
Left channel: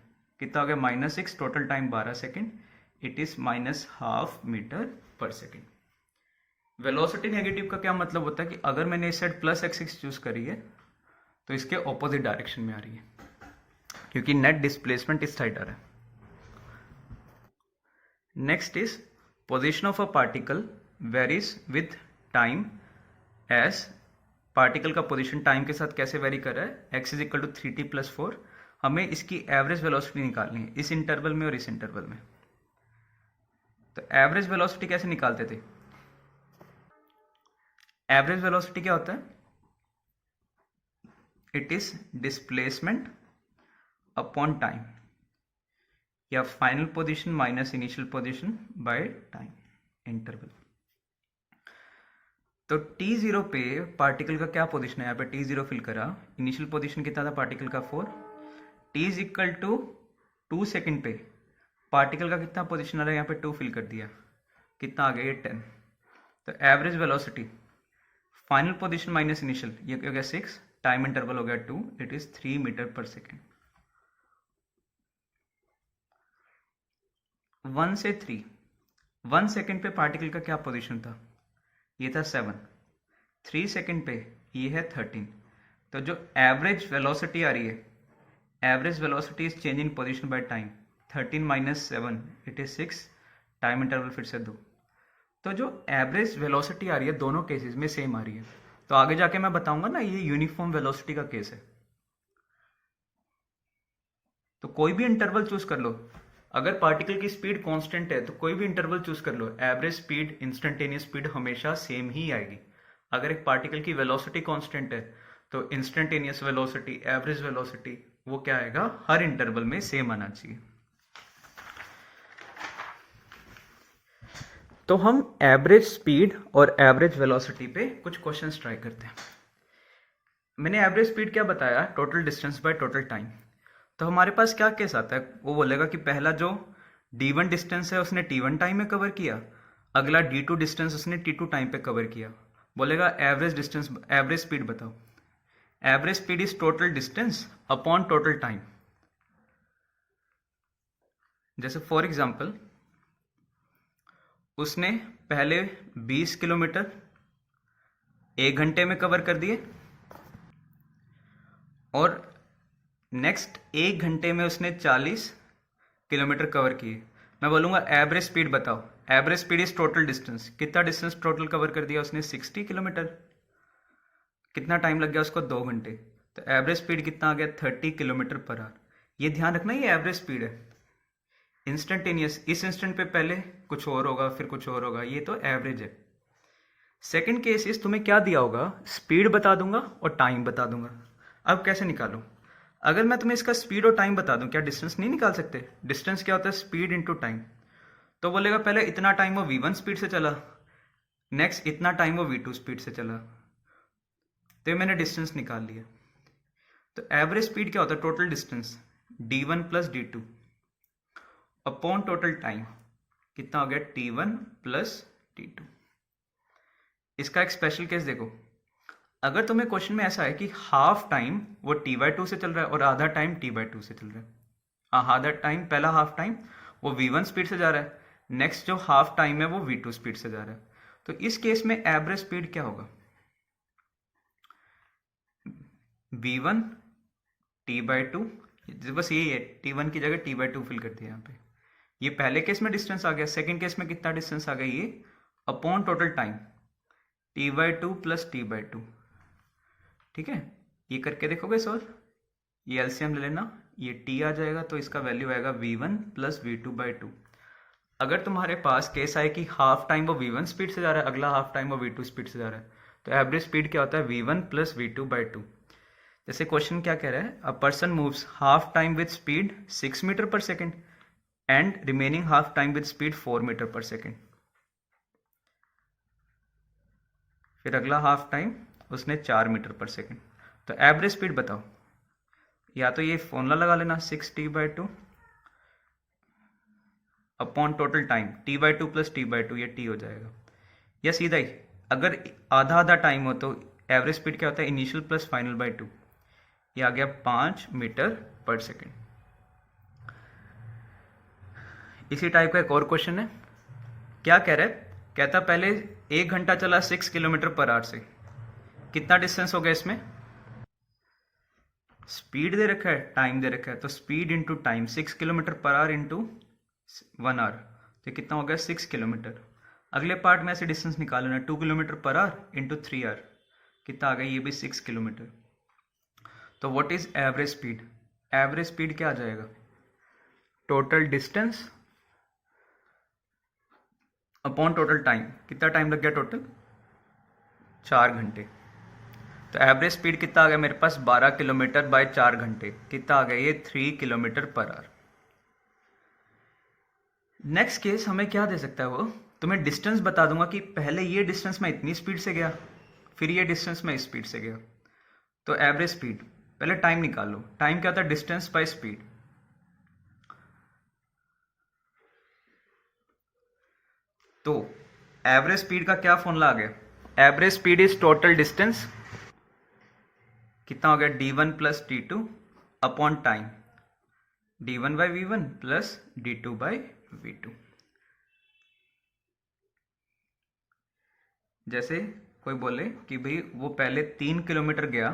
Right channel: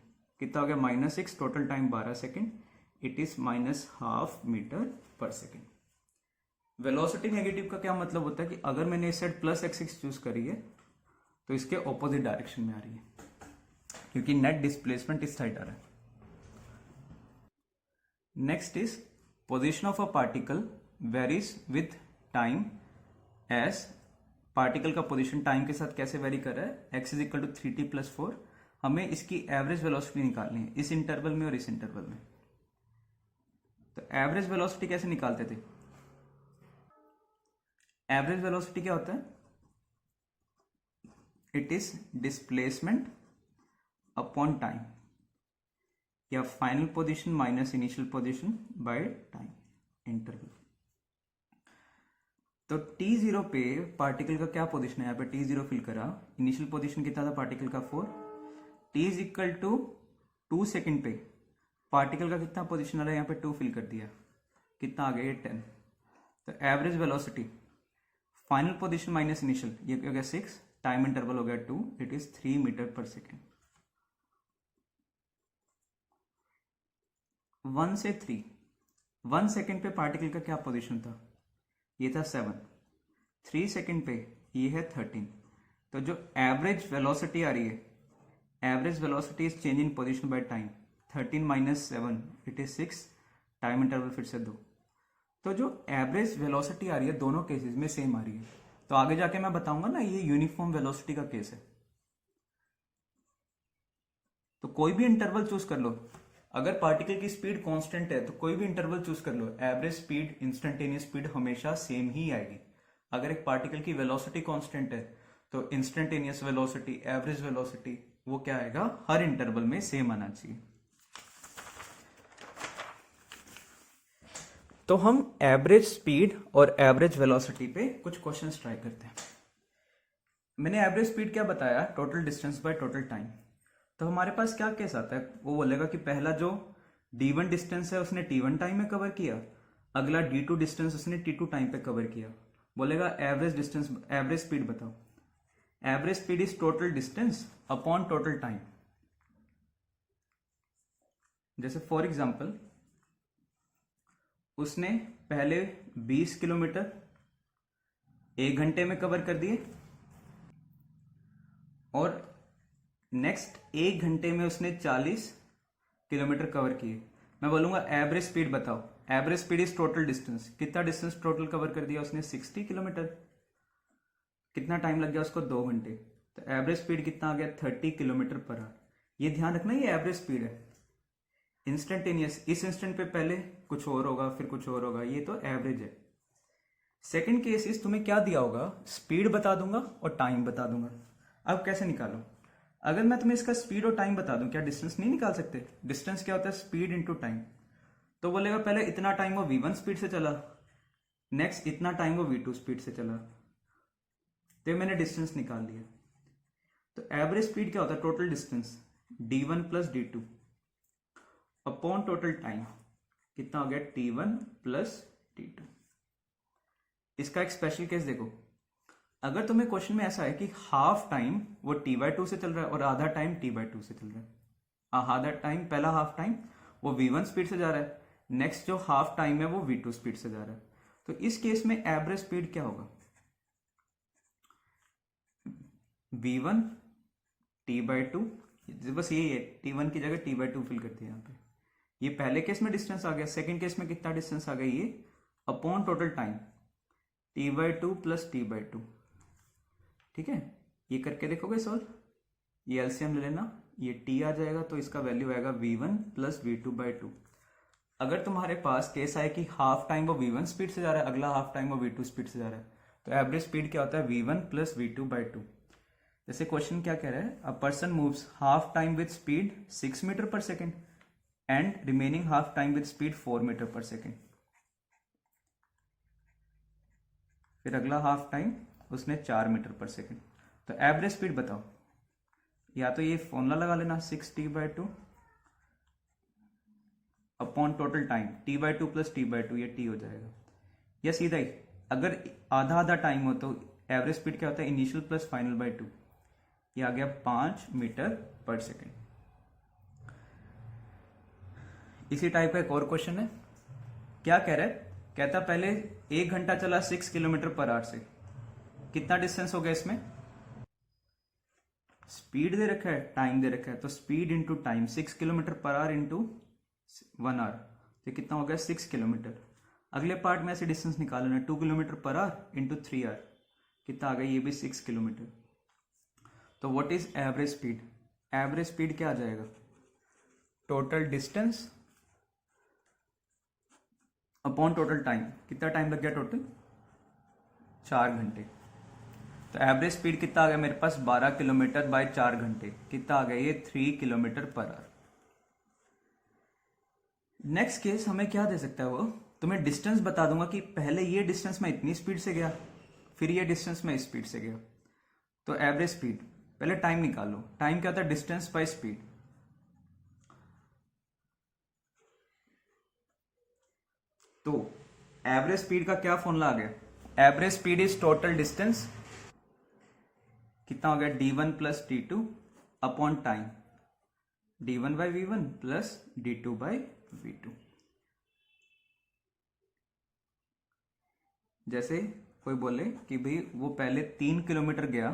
कितना हो गया -6, total time 12 second, it is -12 metre per second. Velocity negative का क्या मतलब होता है कि अगर मैंने इस साइड +x चूज करी है तो इसके ऑपोजिट डायरेक्शन में आ रही है, क्योंकि नेट डिस्प्लेसमेंट इस साइड आ रहा है। Next is position of a particle varies with time, as particle का पोजीशन टाइम के साथ कैसे वेरी कर रहा है, x = 3t + 4। हमें इसकी एवरेज वेलोसिटी निकालनी है इस इंटरवल में और इस इंटरवल में। तो एवरेज वेलोसिटी कैसे निकालते थे, एवरेज वेलोसिटी क्या होता है, it is displacement upon time, या final position minus initial position by time interval. तो t0 पे पार्टिकल का क्या पोजीशन है, यहाँ पे t0 फिल करा, इनिशियल पोजीशन कितना था पार्टिकल का 4, t = 2 सेकेंड पे पार्टिकल का कितना पोजीशन आ रहा है, यहाँ पे 2 फिल कर दिया, कितना आ गया ये 10। तो average velocity final position minus initial, ये हो गया 6, टाइम इंटरवल हो गया 2, it is 3 metre per second. 1 से 3, 1 सेकेंड पे पार्टिकल का क्या पोजीशन था, ये था 7, 3 सेकेंड पे ये है 13। तो जो एवरेज वेलोसिटी आ रही है, average velocity is change in position by time, 13 - 7 it is 6, time interval फिर से 2। तो जो एवरेज वेलोसिटी आ रही है दोनों केसेस में सेम आ रही है। तो आगे जाके मैं बताऊंगा ना ये यूनिफॉर्म वेलोसिटी का केस है। तो कोई भी इंटरवल चूज कर लो, अगर पार्टिकल की स्पीड कांस्टेंट है तो कोई भी इंटरवल चूज कर लो, एवरेज स्पीड इंस्टेंटेनियस स्पीड हमेशा सेम ही आएगी। अगर एक पार्टिकल की वेलोसिटी कांस्टेंट है तो इंस्टेंटेनियस वेलोसिटी, एवरेज वेलोसिटी, वो क्या आएगा, हर इंटरवल में सेम आना चाहिए। तो हम एवरेज स्पीड और एवरेज वेलोसिटी पे कुछ क्वेश्चंस ट्राई करते हैं। मैंने एवरेज स्पीड क्या बताया, total distance by total time. तो हमारे पास क्या केस आता है, वो बोलेगा कि पहला जो D1 डिस्टेंस है उसने T1 टाइम में कवर किया, अगला D2 डिस्टेंस उसने T2 टाइम पे कवर किया। बोलेगा एवरेज डिस्टेंस, एवरेज स्पीड बताओ। Average speed is total distance upon total time. जैसे फॉर एग्जांपल उसने पहले 20 किलोमीटर 1 घंटे में कवर कर दिए और नेक्स्ट 1 घंटे में उसने 40 किलोमीटर कवर किए। मैं बोलूँगा एवरेज स्पीड बताओ। Average speed is total distance, कितना डिस्टेंस टोटल कवर कर दिया उसने? 60 किलोमीटर। कितना टाइम लग गया उसको? 2 घंटे। तो एवरेज स्पीड कितना आ गया? 30 किलोमीटर पर आवर। ये ध्यान रखना, ये एवरेज स्पीड है, इंस्टेंटेनियस। इस इंस्टेंट पे पहले कुछ और होगा फिर कुछ और होगा, ये तो एवरेज है। सेकंड केस इस तुम्हें क्या दिया होगा? स्पीड बता दूंगा और टाइम बता दूंगा। अब कैसे निकालो? अगर मैं तुम्हें इसका स्पीड और टाइम बता दूं, क्या डिस्टेंस नहीं निकाल सकते? डिस्टेंस क्या होता है? Speed into time. तो बोलेगा पहले इतना टाइम वो v1 स्पीड से चला, नेक्स्ट इतना टाइम वो v2 स्पीड से चला, तो ये मैंने डिस्टेंस निकाल लिया। तो एवरेज स्पीड क्या होता है? Total distance d1 plus d2 upon total time, कितना हो गया? t1 plus t2। इसका एक स्पेशल केस देखो, अगर तुम्हें क्वेश्चन में ऐसा है कि हाफ टाइम वो t/2 से चल रहा है और आधा टाइम t/2 से चल रहा है, आधा टाइम, पहला हाफ टाइम वो v1 स्पीड से जा रहा है, नेक्स्ट जो हाफ टाइम है वो v2 स्पीड से जा रहा है, तो इस केस में एवरेज स्पीड क्या होगा? v1 t/2, बस यही है, t1 की जगह t/2 फिल कर दिया यहाँ पे। ये पहले केस में डिस्टेंस आ गया, सेकंड केस में कितना डिस्टेंस आ गया? ये upon total time t/2 plus t/2। ठीक है, ये करके देखोगे सॉल्व, ये एलसीएम ले लेना, ये t आ जाएगा तो इसका वैल्यू आएगा v1 प्लस v2/2। अगर तुम्हारे पास केस आए कि हाफ टाइम वो v1 स्पीड से जा रहा है, अगला हाफ टाइम वो v2 स्पीड से जा रहा है, तो एवरेज स्पीड क्या होता है? v1 plus v2/2। जैसे क्वेश्चन क्या कह रहा है? A person moves half time with speed 6 metre per second and remaining half time with speed 4 metre per second. फिर अगला हाफ टाइम उसने 4 मीटर पर सेकेंड। तो एवरेज स्पीड बताओ। या तो ये फॉर्मूला लगा लेना 6t/2 upon total time t/2 plus t/2, ये t हो जाएगा। या सीधा ही, अगर आधा आधा टाइम हो तो एवरेज स्पीड क्या होता है? इनिशियल प्लस फाइनल बाय 2, ये आ गया 5 मीटर पर सेकेंड। इसी टाइप का एक और क्वेश्चन है, क्या कह रहा है? कहता पहले 1 घंटा चला 6 किलोमीटर पर आवर से, कितना डिस्टेंस हो गया इसमें? स्पीड दे रखा है, टाइम दे रखा है, तो speed into time 6 kilometre per hour into 1 hour, तो कितना हो गया? 6 किलोमीटर। अगले पार्ट में ऐसे डिस्टेंस निकालना है, 2 kilometre per hour into 3 our, कितना आ गया? ये भी 6 किलोमीटर। तो what is average speed? Average speed क्या आ जाएगा? Total distance upon total time. कितना टाइम लग गया टोटल? 4 घंटे। तो एवरेज स्पीड कितना आ गया मेरे पास? 12 किलोमीटर बाय 4 घंटे, कितना आ गया? ये 3 kilometre per our. Next case हमें क्या दे सकता है? वो तुम्हें डिस्टेंस बता दूंगा कि पहले ये डिस्टेंस मैं इतनी स्पीड से गया, फिर ये डिस्टेंस मैं इस स्पीड से गया, तो एवरेज स्पीड। पहले टाइम निकाल लो, टाइम क्या होता है? Distance by speed. तो एवरेज स्पीड का क्या फॉर्मूला आ गया? Average speed is total distance, कितना हो गया? d1 plus d2 upon time, d1 by v1 plus d2 by v2। जैसे कोई बोले कि भाई वो पहले 3 किलोमीटर गया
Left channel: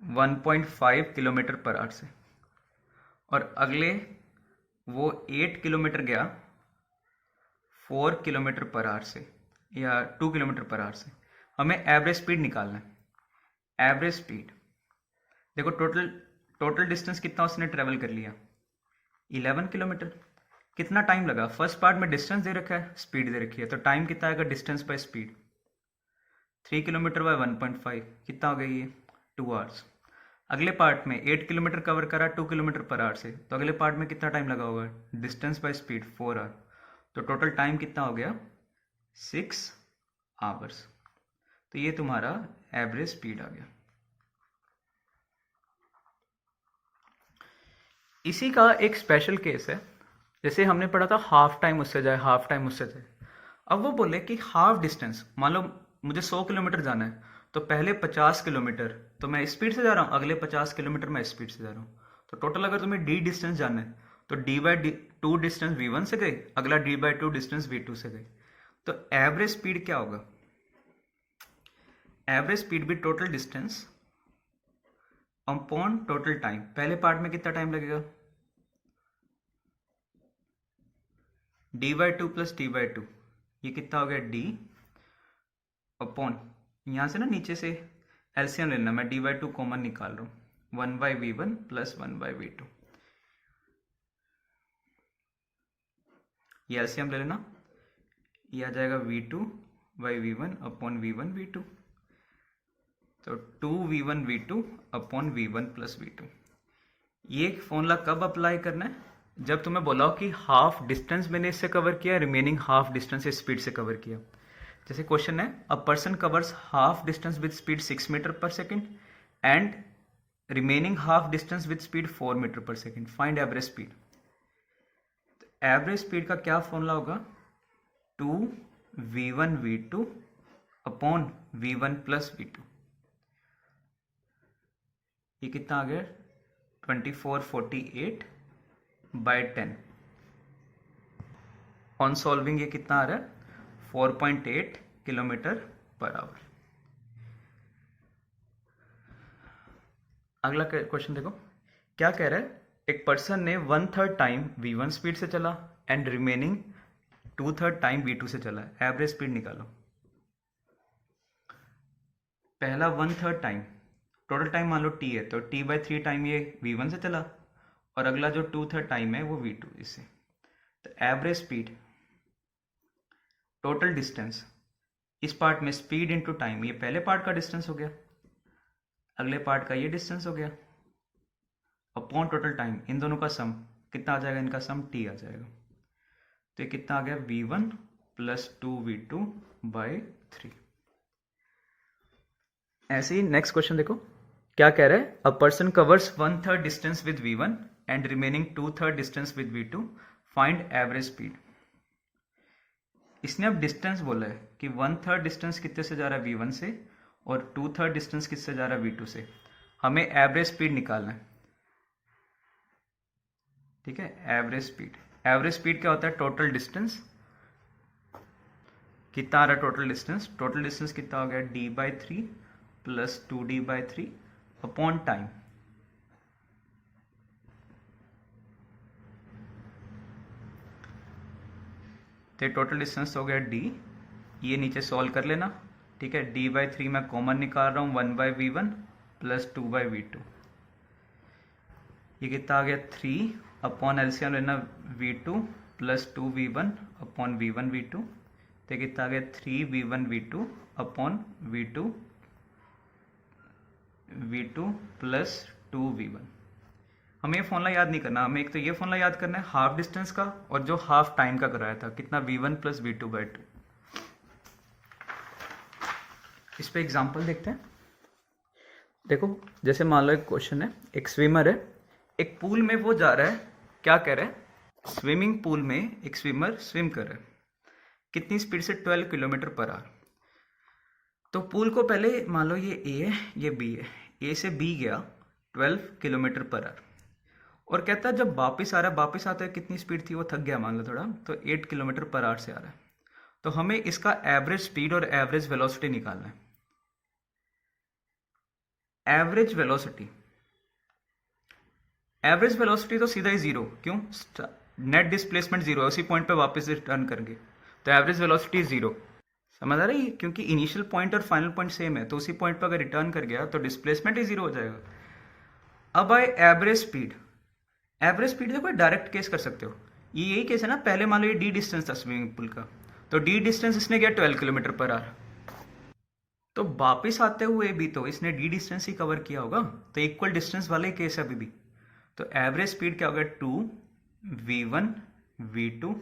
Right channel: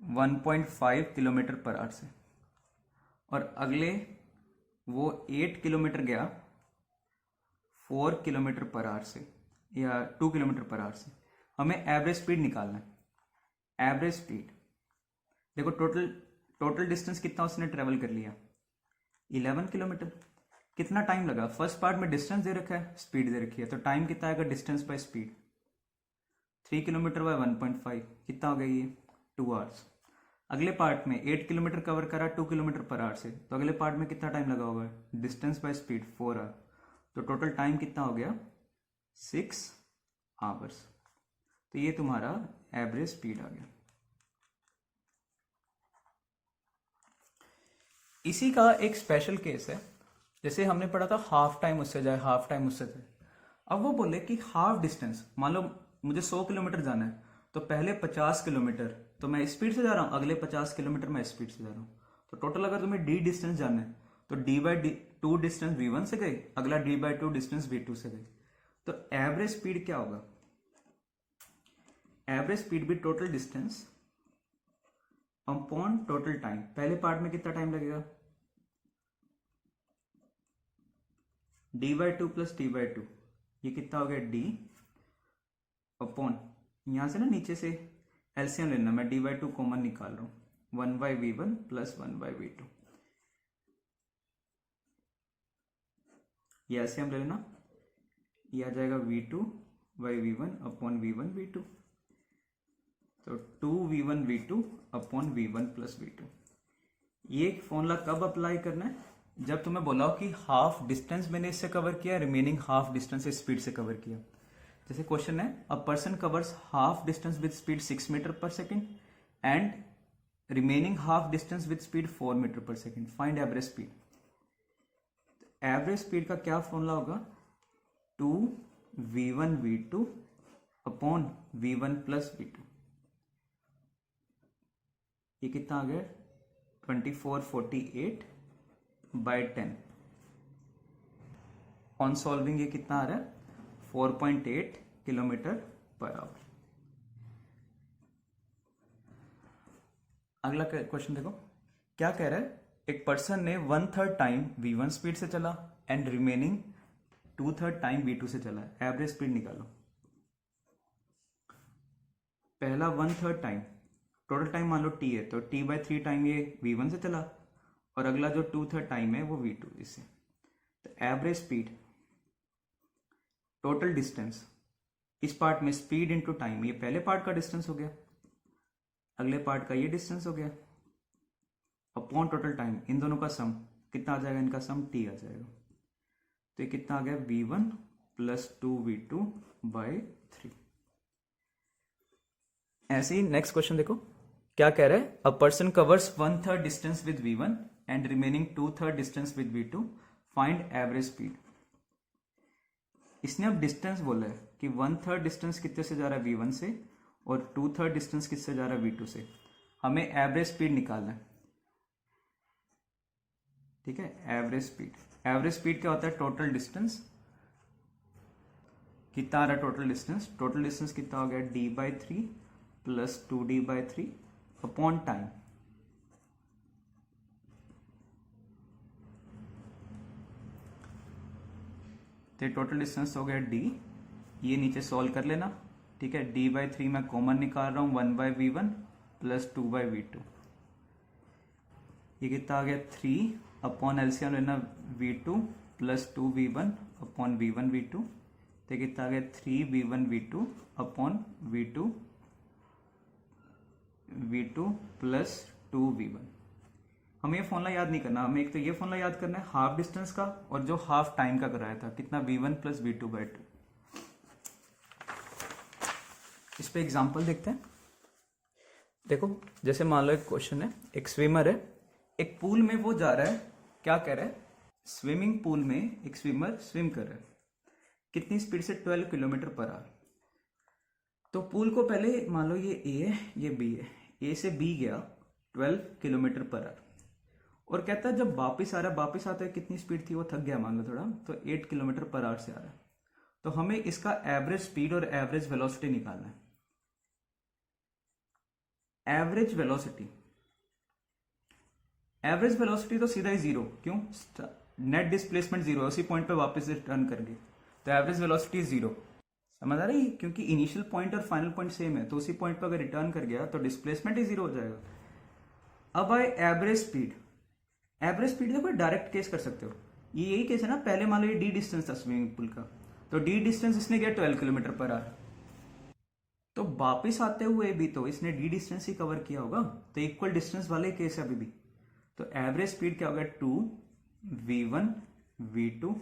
1.5 किलोमीटर पर आवर से, और अगले वो 8 किलोमीटर गया 4 किलोमीटर पर आवर से, या 2 किलोमीटर पर आवर से। हमें एवरेज स्पीड निकालना है। एवरेज स्पीड देखो, टोटल डिस्टेंस कितना उसने ट्रेवल कर लिया? 11 किलोमीटर। कितना टाइम लगा? फर्स्ट पार्ट में डिस्टेंस दे रखा है, स्पीड दे रखी है, तो टाइम कितना आएगा? Distance by speed, 3 kilometre bye 1.5, कितना हो गया? ये 2 आवर्स। अगले पार्ट में 8 किलोमीटर कवर करा 2 किलोमीटर पर आवर से, तो अगले पार्ट में कितना टाइम लगा होगा? डिस्टेंस बाय स्पीड 4 आवर, तो टोटल टाइम कितना हो गया? 6 आवर्स। तो ये तुम्हारा एवरेज स्पीड आ गया। इसी का एक स्पेशल केस है, जैसे हमने पढ़ा था हाफ टाइम उससे जाए, हाफ टाइम उससे जाए। अब वो बोले कि हाफ डिस्टेंस, मान लो मुझे 100 किलोमीटर जाना है, तो पहले 50 किलोमीटर तो मैं स्पीड से जा रहा हूँ, अगले 50 किलोमीटर मैं स्पीड से जा रहा हूँ। तो टोटल अगर तुम्हें डी डिस्टेंस जानना है तो d/2 डिस्टेंस v1 से गई, अगला d/2 डिस्टेंस v2 से गई। तो एवरेज स्पीड क्या होगा? एवरेज स्पीड भी total distance upon total time. पहले पार्ट में कितना टाइम लगेगा? d/2 प्लस d/2, ये कितना हो गया? d अपॉन, यहां से ना नीचे से एलसीएम लेना, मैं d/2 कॉमन निकाल रहा हूं, 1/v1 प्लस 1/v2, ये एलसीएम ले लेना, ये आ जाएगा v2/v1 अपॉन v1/v2, तो 2v1v2 upon v1 plus v2। ये फॉर्मूला कब अप्लाई करना है? जब तुम्हें बोला हो कि हाफ डिस्टेंस मैंने इससे कवर किया, रिमेनिंग हाफ डिस्टेंस स्पीड से कवर किया। जैसे क्वेश्चन है, a person covers half distance with speed 6 metre per second and remaining half distance with speed 4 metre per second, find average speed. Average speed का क्या formula होगा? 2v1v2 upon v1 plus v2। ये कितना आ गया? 2448 bye 10। On solving ये कितना आ रहा है? 4.8 किलोमीटर पर आवर। अगला क्वेश्चन देखो, क्या कह रहा है? एक पर्सन ने 1/3 टाइम v1 स्पीड से चला एंड रिमेनिंग 2/3 टाइम v2 से चला, एवरेज स्पीड निकालो। पहला 1/3 टाइम, टोटल टाइम मान लो t है, तो t/3 टाइम ये v1 से चला, और अगला जो 2/3 टाइम है वो v2 इससे। तो एवरेज स्पीड, टोटल डिस्टेंस, इस पार्ट में स्पीड इनटू टाइम, ये पहले पार्ट का डिस्टेंस हो गया, अगले पार्ट का ये डिस्टेंस हो गया, अपॉन टोटल टाइम, इन दोनों का सम कितना आ जाएगा? इनका सम t आ जाएगा। तो ये कितना आ गया? v1 plus 2v2 by 3। ऐसे ही नेक्स्ट क्वेश्चन देखो, क्या कह रहा है? A person covers 1/3 distance with v1 and remaining 2/3 distance with v2, find average speed. इसने अब डिस्टेंस बोला है कि 1/3 डिस्टेंस कितने से जा रहा है? v1 से, और 2/3 डिस्टेंस किससे जा रहा है? v2 से। हमें एवरेज स्पीड निकालना है, ठीक है? एवरेज स्पीड, एवरेज स्पीड क्या होता है? टोटल डिस्टेंस, कितना आ रहा है टोटल डिस्टेंस? टोटल डिस्टेंस कितना हो गया? d/3 plus 2d/3 upon time. तो टोटल डिस्टेंस हो गया d, ये नीचे सॉल्व कर लेना, ठीक है? d/3 मैं कॉमन निकाल रहा हूँ, 1/v1 प्लस 2/v2, ये कितना आ गया? 3 अपॉन एलसीएम लेना, v2 plus 2v1 upon v1v2, तो कितना आ गया? 3v1v2 upon v2 plus 2v1। हमें ये फॉर्मूला याद नहीं करना, हमें एक तो ये फॉर्मूला याद करना है हाफ डिस्टेंस का, और जो हाफ टाइम का कराया था, कितना? v1 plus v2/2। इस पे एग्जांपल देखते हैं। देखो, जैसे मान लो एक क्वेश्चन है, एक स्विमर है, एक पूल में वो जा रहा है, क्या कह रहा है? स्विमिंग पूल में एक स्विमर स्विम कर रहा है, कितनी स्पीड से? 12 किलोमीटर पर आवर। तो पूल को पहले मान लो ये ए है, ये बी है, ए से बी गया 12 किलोमीटर पर आवर, और कहता है जब वापस आ रहा है, वापस आते हुए कितनी स्पीड थी? वो थक गया मान लो थोड़ा, तो 8 किलोमीटर पर आवर से आ रहा है। तो हमें इसका एवरेज स्पीड और एवरेज वेलोसिटी निकालना है। एवरेज वेलोसिटी, एवरेज वेलोसिटी तो सीधा ही जीरो, क्यों? नेट डिस्प्लेसमेंट जीरो है, उसी पॉइंट पे वापस रिटर्न करेंगे, तो एवरेज वेलोसिटी जीरो। समझ आ रही है? क्योंकि इनिशियल पॉइंट और फाइनल पॉइंट सेम है, तो उसी पॉइंट पर अगर रिटर्न कर गया तो डिस्प्लेसमेंट ही जीरो हो जाएगा। अब आए एवरेज स्पीड। एवरेज स्पीड देखो डायरेक्ट केस कर सकते हो, ये यही केस है ना, पहले मान लो ये डी डिस्टेंस था स्विमिंग पूल का, तो डी डिस्टेंस इसने किया 12 किलोमीटर पर आवर, तो वापिस आते हुए भी तो इसने डी डिस्टेंस ही कवर किया होगा, तो इक्वल डिस्टेंस वाला ही केस है अभी भी। तो एवरेज स्पीड क्या होगा? 2v1v2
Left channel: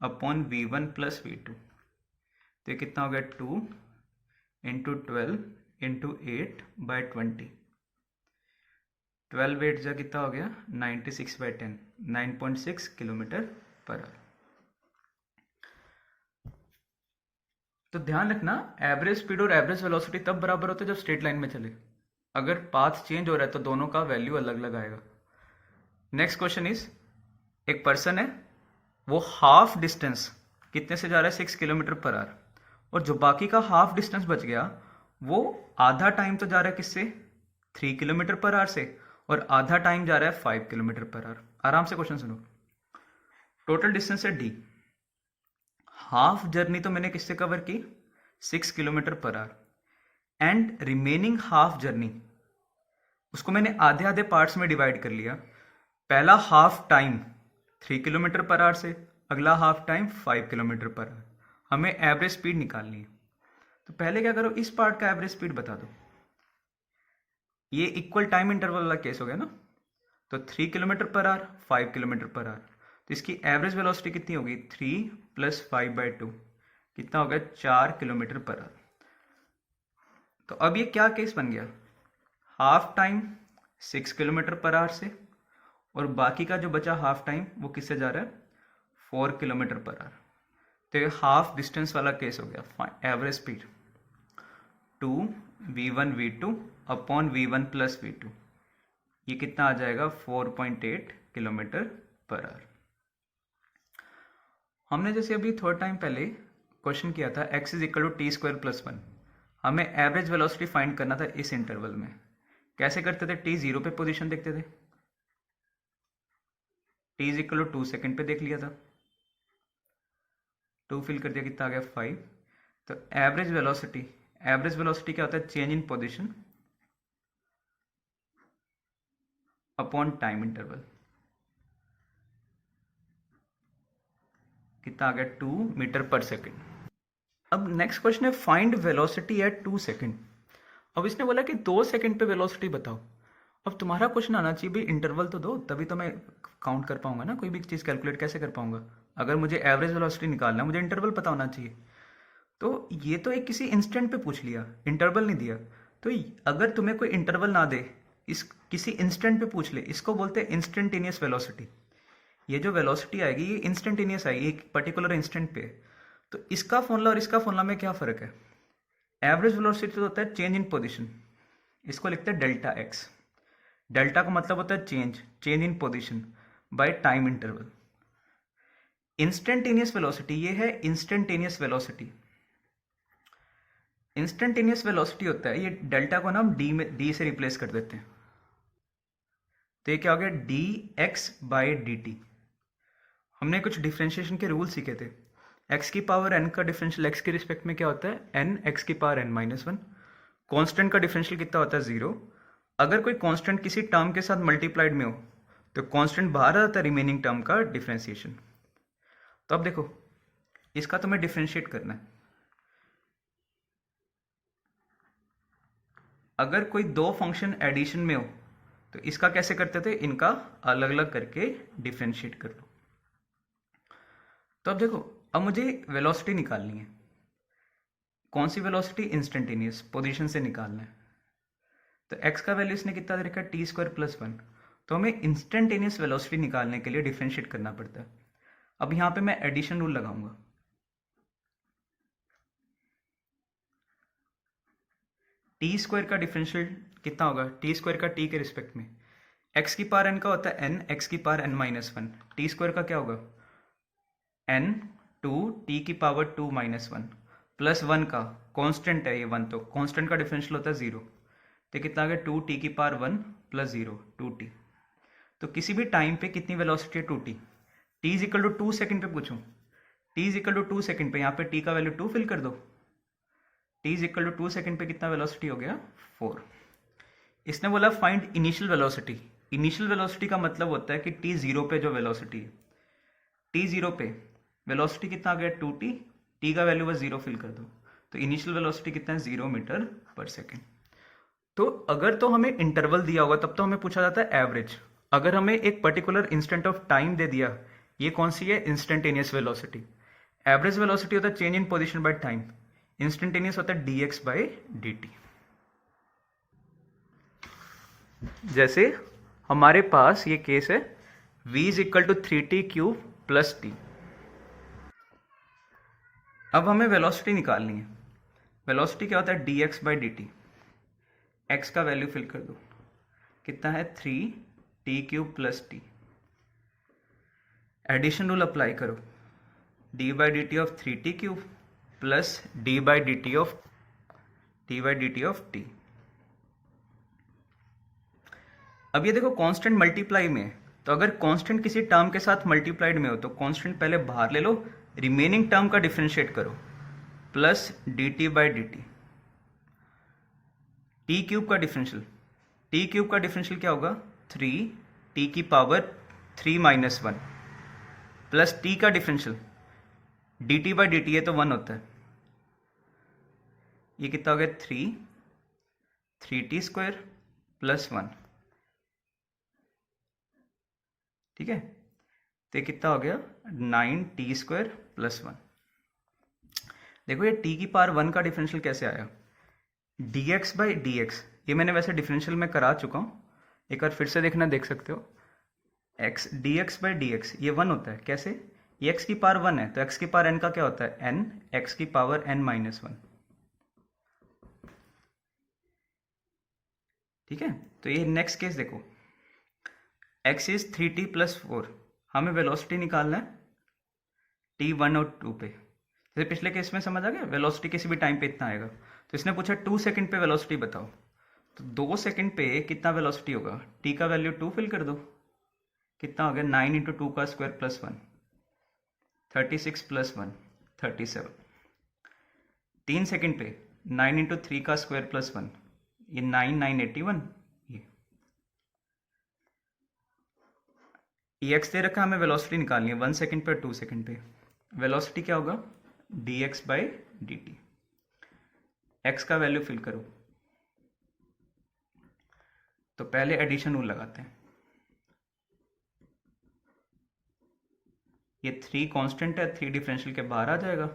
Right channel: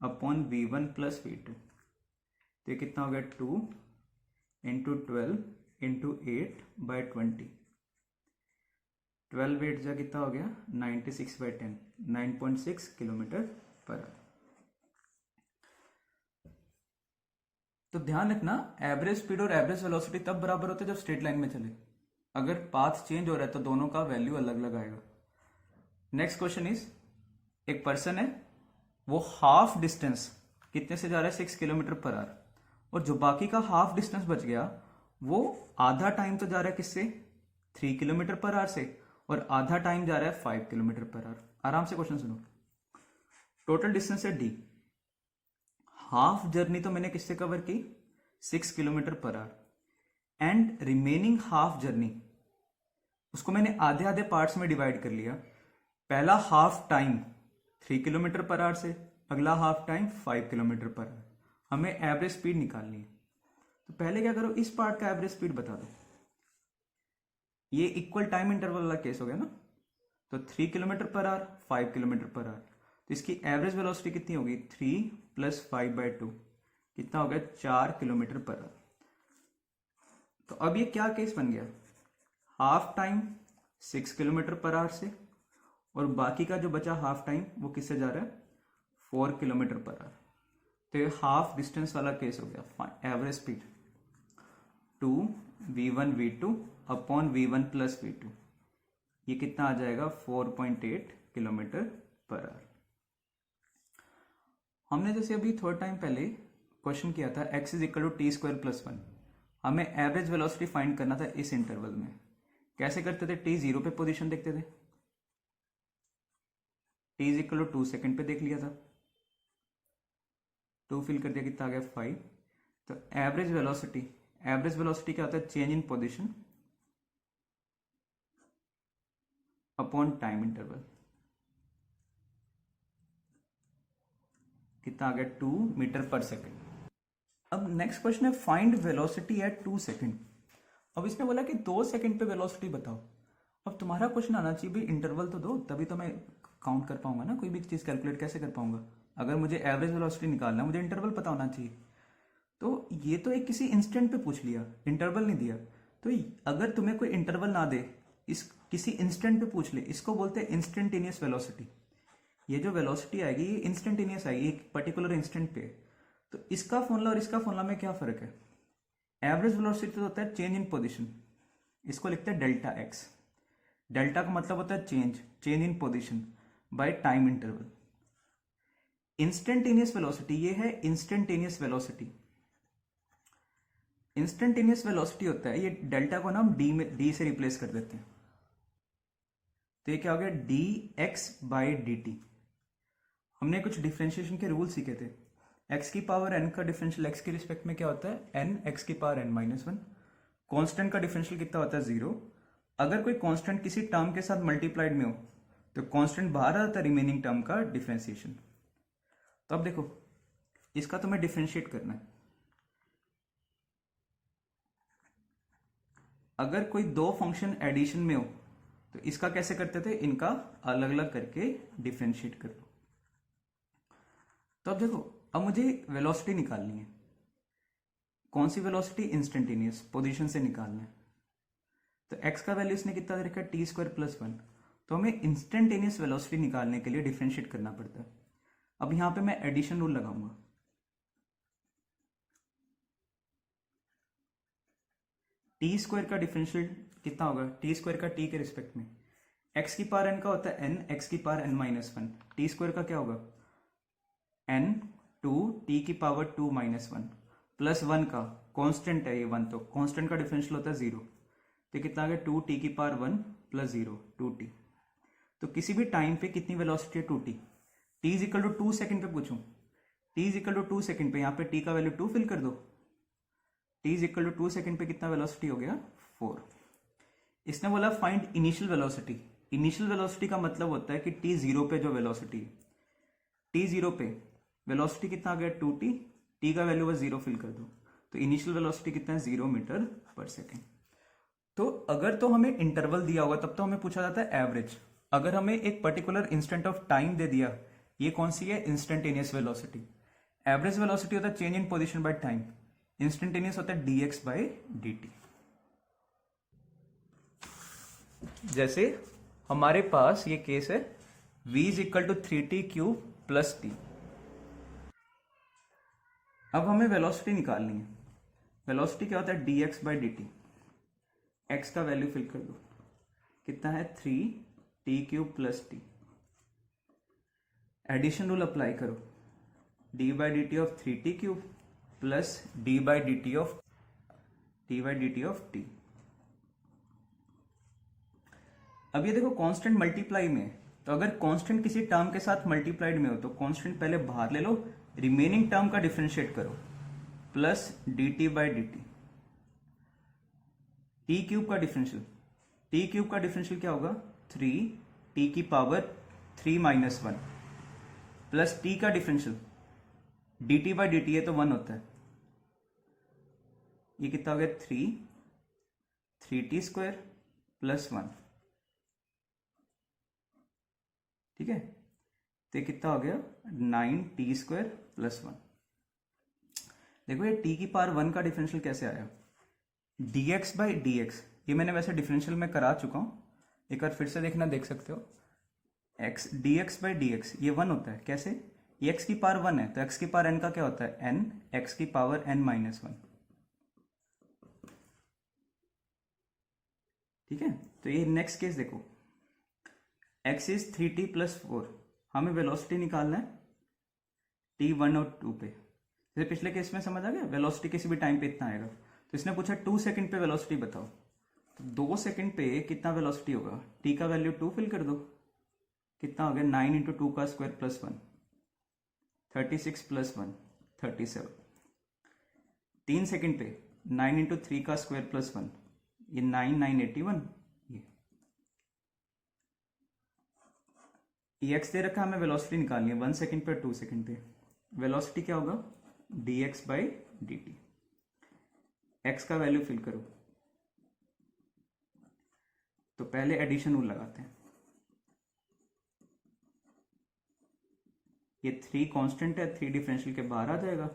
upon v1 plus v2, तो ये कितना हो गया? 2 इंटू 12 इंटू 8/20, 12 8 जा कितना हो गया 96/10, 9.6 किलोमीटर पर आवर। तो ध्यान रखना, एवरेज स्पीड और एवरेज वेलोसिटी तब बराबर होता है जब स्ट्रेट लाइन में चले। अगर पाथ चेंज हो रहा है तो दोनों का वैल्यू अलग अलग आएगा। नेक्स्ट क्वेश्चन इज, एक पर्सन है, वो हाफ डिस्टेंस कितने से जा रहा है 6 किलोमीटर पर आवर, और जो बाकी का हाफ डिस्टेंस बच गया वो आधा टाइम तो जा रहा है किससे 3 किलोमीटर पर आवर से, और आधा टाइम जा रहा है 5 किलोमीटर पर आवर। आराम से क्वेश्चन सुनो। टोटल डिस्टेंस है d, हाफ जर्नी तो मैंने किससे कवर की 6 kilometre per our, and remaining half journey उसको मैंने आधे आधे पार्ट्स में डिवाइड कर लिया। पहला half time 3 kilometre per our से, अगला half time 5 kilometre per our. हमें एवरेज स्पीड निकालनी है, तो पहले क्या करो, इस पार्ट का एवरेज स्पीड बता दो। ये इक्वल टाइम इंटरवल वाला केस हो गया ना, तो 3 kilometre per our 5 kilometre per our, तो इसकी एवरेज वेलोसिटी कितनी होगी 3 + 5/2, कितना हो गया 4 किलोमीटर पर आवर। तो अब ये क्या केस बन गया, half time 6 kilometre per our से, और बाकी का जो बचा हाफ टाइम वो किससे जा रहा है 4 किलोमीटर पर आवर। तो ये हाफ डिस्टेंस वाला केस हो गया। Average speed 2v1v2 upon v1 + v2, ये कितना आ जाएगा 4.8 किलोमीटर पर आवर। हमने जैसे अभी थोड़ा टाइम पहले क्वेश्चन किया था x = t² + 1, हमें एवरेज वेलोसिटी फाइंड करना था इस इंटरवल में। कैसे करते थे, t 0 पे पोजीशन देखते थे, t = 2 सेकेंड पे देख लिया था, 2 फिल कर दिया, कितना आ गया 5। तो एवरेज वेलोसिटी क्या होता है, change in position upon time interval, कितना आ गया 2 मीटर पर सेकेंड। अब नेक्स्ट क्वेश्चन है, फाइंड वेलोसिटी एट 2 सेकेंड। अब इसने बोला कि 2 सेकेंड पे वेलोसिटी बताओ। अब तुम्हारा क्वेश्चन आना चाहिए भाई इंटरवल तो दो, तभी तो मैं काउंट कर पाऊंगा ना, कोई भी चीज़ कैलकुलेट कैसे कर पाऊंगा। अगर मुझे एवरेज वेलोसिटी निकालना है मुझे इंटरवल पता होना चाहिए। तो ये तो एक किसी इंस्टेंट पे पूछ लिया, इंटरवल नहीं दिया। तो अगर तुम्हें कोई इंटरवल ना दे, इस किसी इंस्टेंट पे पूछ ले, इसको बोलते हैं इंस्टेंटेनियस वेलोसिटी। ये जो वेलोसिटी आएगी ये इंस्टेंटेनियस आएगी, एक पर्टिकुलर इंस्टेंट पे। तो इसका फॉर्मूला और इसका फॉर्मूला में क्या फ़र्क है, एवरेज वेलोसिटी तो होता है चेंज इन पोजीशन, इसको लिखते हैं डेल्टा x। डेल्टा का मतलब होता है change in position by time interval. Instantaneous velocity ये है इंस्टेंटेनियस वेलोसिटी। इंस्टेंटेनियस वेलोसिटी होता है, ये डेल्टा को ना हम डी से रिप्लेस कर देते हैं, तो ये क्या हो गया dx/dt। हमने कुछ डिफ्रेंशिएशन के रूल सीखे थे, x की पावर n का डिफरेंशियल x के रिस्पेक्ट में क्या होता है n x की पावर n - 1। कांस्टेंट का डिफरेंशियल कितना होता है 0। अगर कोई कांस्टेंट किसी टर्म के साथ मल्टीप्लाइड में हो तो कांस्टेंट बाहर आ जाता है रिमेनिंग टर्म का डिफरेंशिएशन। तो अब देखो इसका तुम्हें डिफरेंशिएट करना है। अगर कोई दो फंक्शन एडिशन में हो तो इसका कैसे करते थे, इनका अलग अलग करके डिफरेंशिएट कर लो। तो अब देखो, अब मुझे वेलोसिटी निकालनी है। कौन सी वेलोसिटी, इंस्टेंटेनियस पोजीशन से निकालना है। तो x का वैल्यू इसने कितना दे रखा है t² + 1। तो हमें इंस्टेंटेनियस वेलोसिटी निकालने के लिए डिफरेंशिएट करना पड़ता है। अब यहाँ पे मैं एडिशन रूल लगाऊंगा, t² का डिफरेंशियल कितना होगा, t² का t के रिस्पेक्ट में, x की पावर n का होता है n, x की पावर n - 1, t² का क्या होगा n 2 t की पावर 2 - 1 प्लस 1 का कांस्टेंट है ये 1, तो कांस्टेंट का डिफरेंशियल होता है 0। तो कितना आ गया 2t की पावर 1 + 0 2t। तो किसी भी टाइम पे कितनी वेलोसिटी है 2t, t = 2 सेकेंड पे पूछूं, t = 2 सेकेंड पे यहाँ पे t का वैल्यू 2 फिल कर दो, t = 2 सेकेंड पे कितना वेलोसिटी हो गया 4। इसने बोला find initial velocity. Initial velocity का मतलब होता है कि t 0 पे जो वेलोसिटी है, t 0 पे वेलोसिटी कितना आ गया 2t, t का वैल्यू बस 0 फिल कर दो, तो इनिशियल वेलोसिटी कितना है 0 मीटर पर सेकेंड। तो अगर तो हमें इंटरवल दिया होगा तब तो हमें पूछा जाता है एवरेज। अगर हमें एक पर्टिकुलर इंस्टेंट ऑफ टाइम दे दिया, ये कौन सी है इंस्टेंटेनियस वेलोसिटी। एवरेज वेलोसिटी होता है change in position by time, instantaneous होता है dx/dt। जैसे हमारे पास ये केस है v is equal to 3t³ plus t। अब हमें वेलोसिटी निकालनी है। वेलोसिटी क्या होता है? dx by dt। x का वैल्यू फिल कर दो, कितना है? 3t³ plus t। Addition rule apply करो, d by d t of 3t³ plus d by d t of t। अब ये देखो कांस्टेंट मल्टीप्लाई में है, तो अगर कांस्टेंट किसी टर्म के साथ मल्टीप्लाइड में हो तो कांस्टेंट पहले बाहर ले लो, रिमेनिंग टर्म का डिफरेंशिएट करो, plus dt by d T. t³ का डिफरेंशियल, t³ का डिफरेंशियल क्या होगा? 3t की पावर 3 माइनस 1 प्लस t का differential dt by d T है तो 1 होता है। ये कितना हो गया? 3t square plus 1। ठीक है, तो ये कितना हो गया? 9t square plus 1। देखो ये t की पावर 1 का डिफरेंशियल कैसे आया? dx बाई dx, ये मैंने वैसे डिफरेंशियल में करा चुका हूँ, एक बार फिर से देखना, देख सकते हो। x dx बाई dx ये 1 होता है। कैसे? ये x की पावर 1 है तो x की पावर n का क्या होता है? n, x की पावर n माइनस 1। ठीक है, तो ये नेक्स्ट केस देखो, x इज 3t प्लस 4। हमें वेलोसिटी निकालना है t1 और 2 पे। जैसे पिछले केस में समझ आ गया, वेलोसिटी किसी भी टाइम पे इतना आएगा। तो इसने पूछा 2 सेकंड पे वेलोसिटी बताओ, तो 2 सेकंड पे कितना वेलोसिटी होगा? t का वैल्यू 2 फिल कर दो, कितना हो गया? 9 इंटू 2 का स्क्वायर प्लस 1, 36 प्लस 1 37। 3 सेकंड पे 9 इंटू 3 का स्क्वायर प्लस 1, ये 9 ये एक्स दे रखा है, हमें वेलोसिटी निकालनी है 1 सेकंड पे 2 सेकंड पे। वेलोसिटी क्या होगा? dx by d T. X का वैल्यू फिल करो, तो पहले एडिशन रूल लगाते हैं। ये 3 कांस्टेंट है, 3 डिफरेंशियल के बाहर आ जाएगा।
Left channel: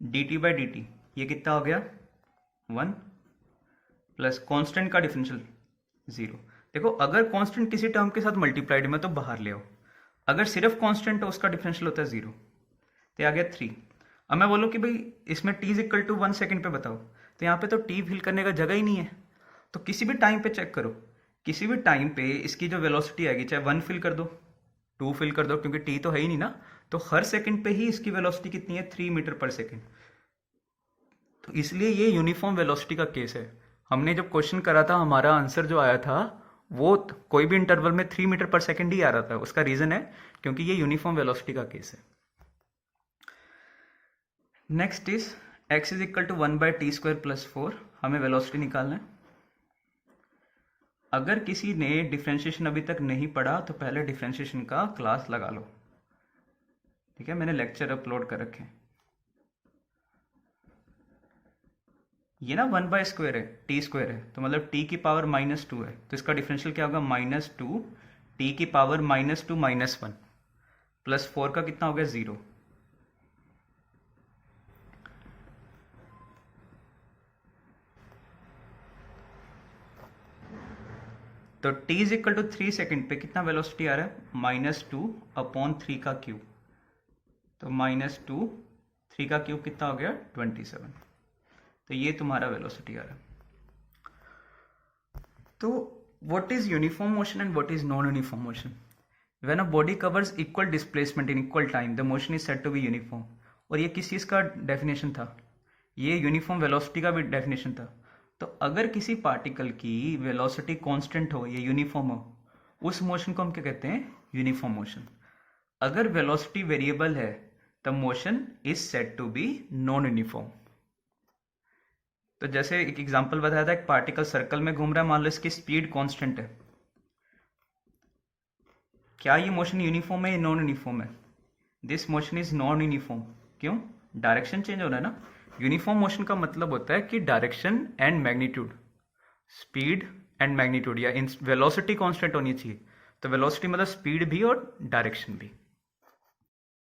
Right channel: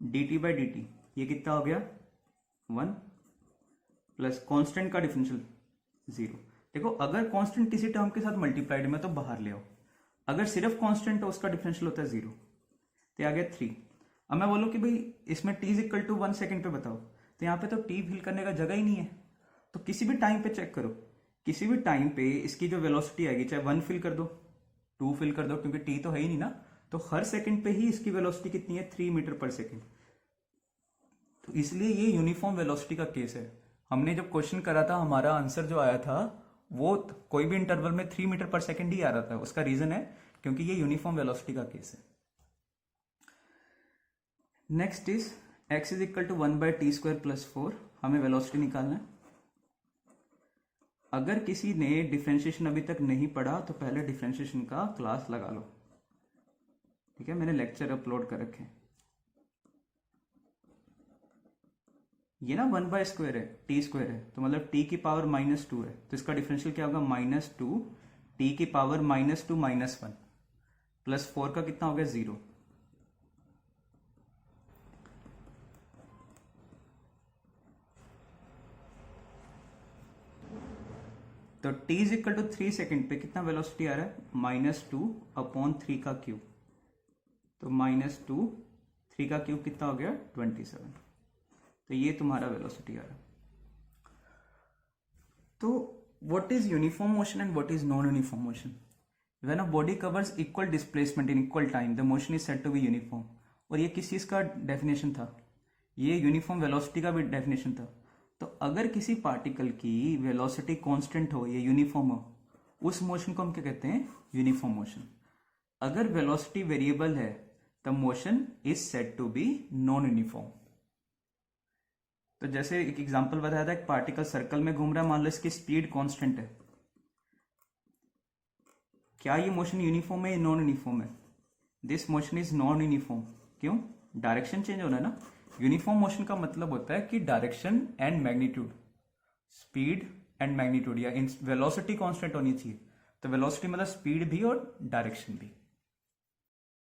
dt बाई डी टी ये कितना हो गया? 1 प्लस कांस्टेंट का डिफरेंशियल 0। देखो अगर कांस्टेंट किसी टर्म के साथ मल्टीप्लाइड में तो बाहर ले आओ, अगर सिर्फ कांस्टेंट है उसका डिफरेंशियल होता है 0। तो आ गया 3। अब मैं बोलूँ कि भाई इसमें t is equal to 1 second पे बताओ, तो यहाँ पे तो t फिल करने का जगह ही नहीं है। तो किसी भी टाइम पे चेक करो, किसी भी टाइम पे इसकी जो वेलोसिटी आएगी, चाहे 1 फिल कर दो, 2 फिल कर दो, क्योंकि t तो है ही नहीं ना, तो हर सेकंड पे ही इसकी वेलोसिटी कितनी है? 3 मीटर पर सेकेंड। तो इसलिए ये यूनिफॉर्म वेलोसिटी का केस है। हमने जब क्वेश्चन करा था, हमारा आंसर जो आया था वो कोई भी इंटरवल में 3 मीटर पर सेकेंड ही आ रहा था। उसका रीजन है क्योंकि ये यूनिफॉर्म वेलोसिटी का केस है। Next is x is equal to 1 by t square plus 4। हमें वेलोसिटी निकालना है। अगर किसी ने डिफ्रेंशिएशन अभी तक नहीं पढ़ा तो पहले डिफ्रेंशिएशन का क्लास लगा लो। ठीक है, मैंने लेक्चर अपलोड कर रखे हैं। ये ना 1 बाई स्क्वायर है, टी स्क्वायर है, तो मतलब t की पावर -2 है, तो इसका डिफरेंशियल क्या होगा? -2 t की पावर -2 माइनस 1 प्लस 4 का कितना हो गया? 0। तो t is equal to 3 second पे कितना वेलोसिटी आ रहा है? -2 अपॉन 3 का क्यूब, तो -2 3 का क्यूब कितना हो गया? 27। तो ये तुम्हारा वेलोसिटी आ रहा है। तो what is uniform motion and what is non uniform motion? When a body covers equal displacement in equal time the motion is said to be uniform. और ये किस चीज़ का डेफिनेशन था? ये यूनिफॉर्म वेलोसिटी का भी डेफिनेशन था। तो अगर किसी पार्टिकल की वेलोसिटी कांस्टेंट हो या यूनिफॉर्म हो, उस मोशन को हम क्या कहते हैं? Uniform motion. अगर वेलोसिटी वेरिएबल है the motion is said to be non uniform. तो जैसे एक एग्जांपल बताया था, एक पार्टिकल सर्कल में घूम रहा है, मान लो इसकी स्पीड कांस्टेंट है, क्या ये मोशन यूनिफॉर्म है या नॉन यूनिफॉर्म है? This motion is non uniform. क्यों? डायरेक्शन चेंज हो रहा है ना। यूनिफॉर्म मोशन का मतलब होता है कि direction and magnitude, speed and magnitude या वेलोसिटी कांस्टेंट होनी चाहिए। तो वेलोसिटी मतलब स्पीड भी और डायरेक्शन भी।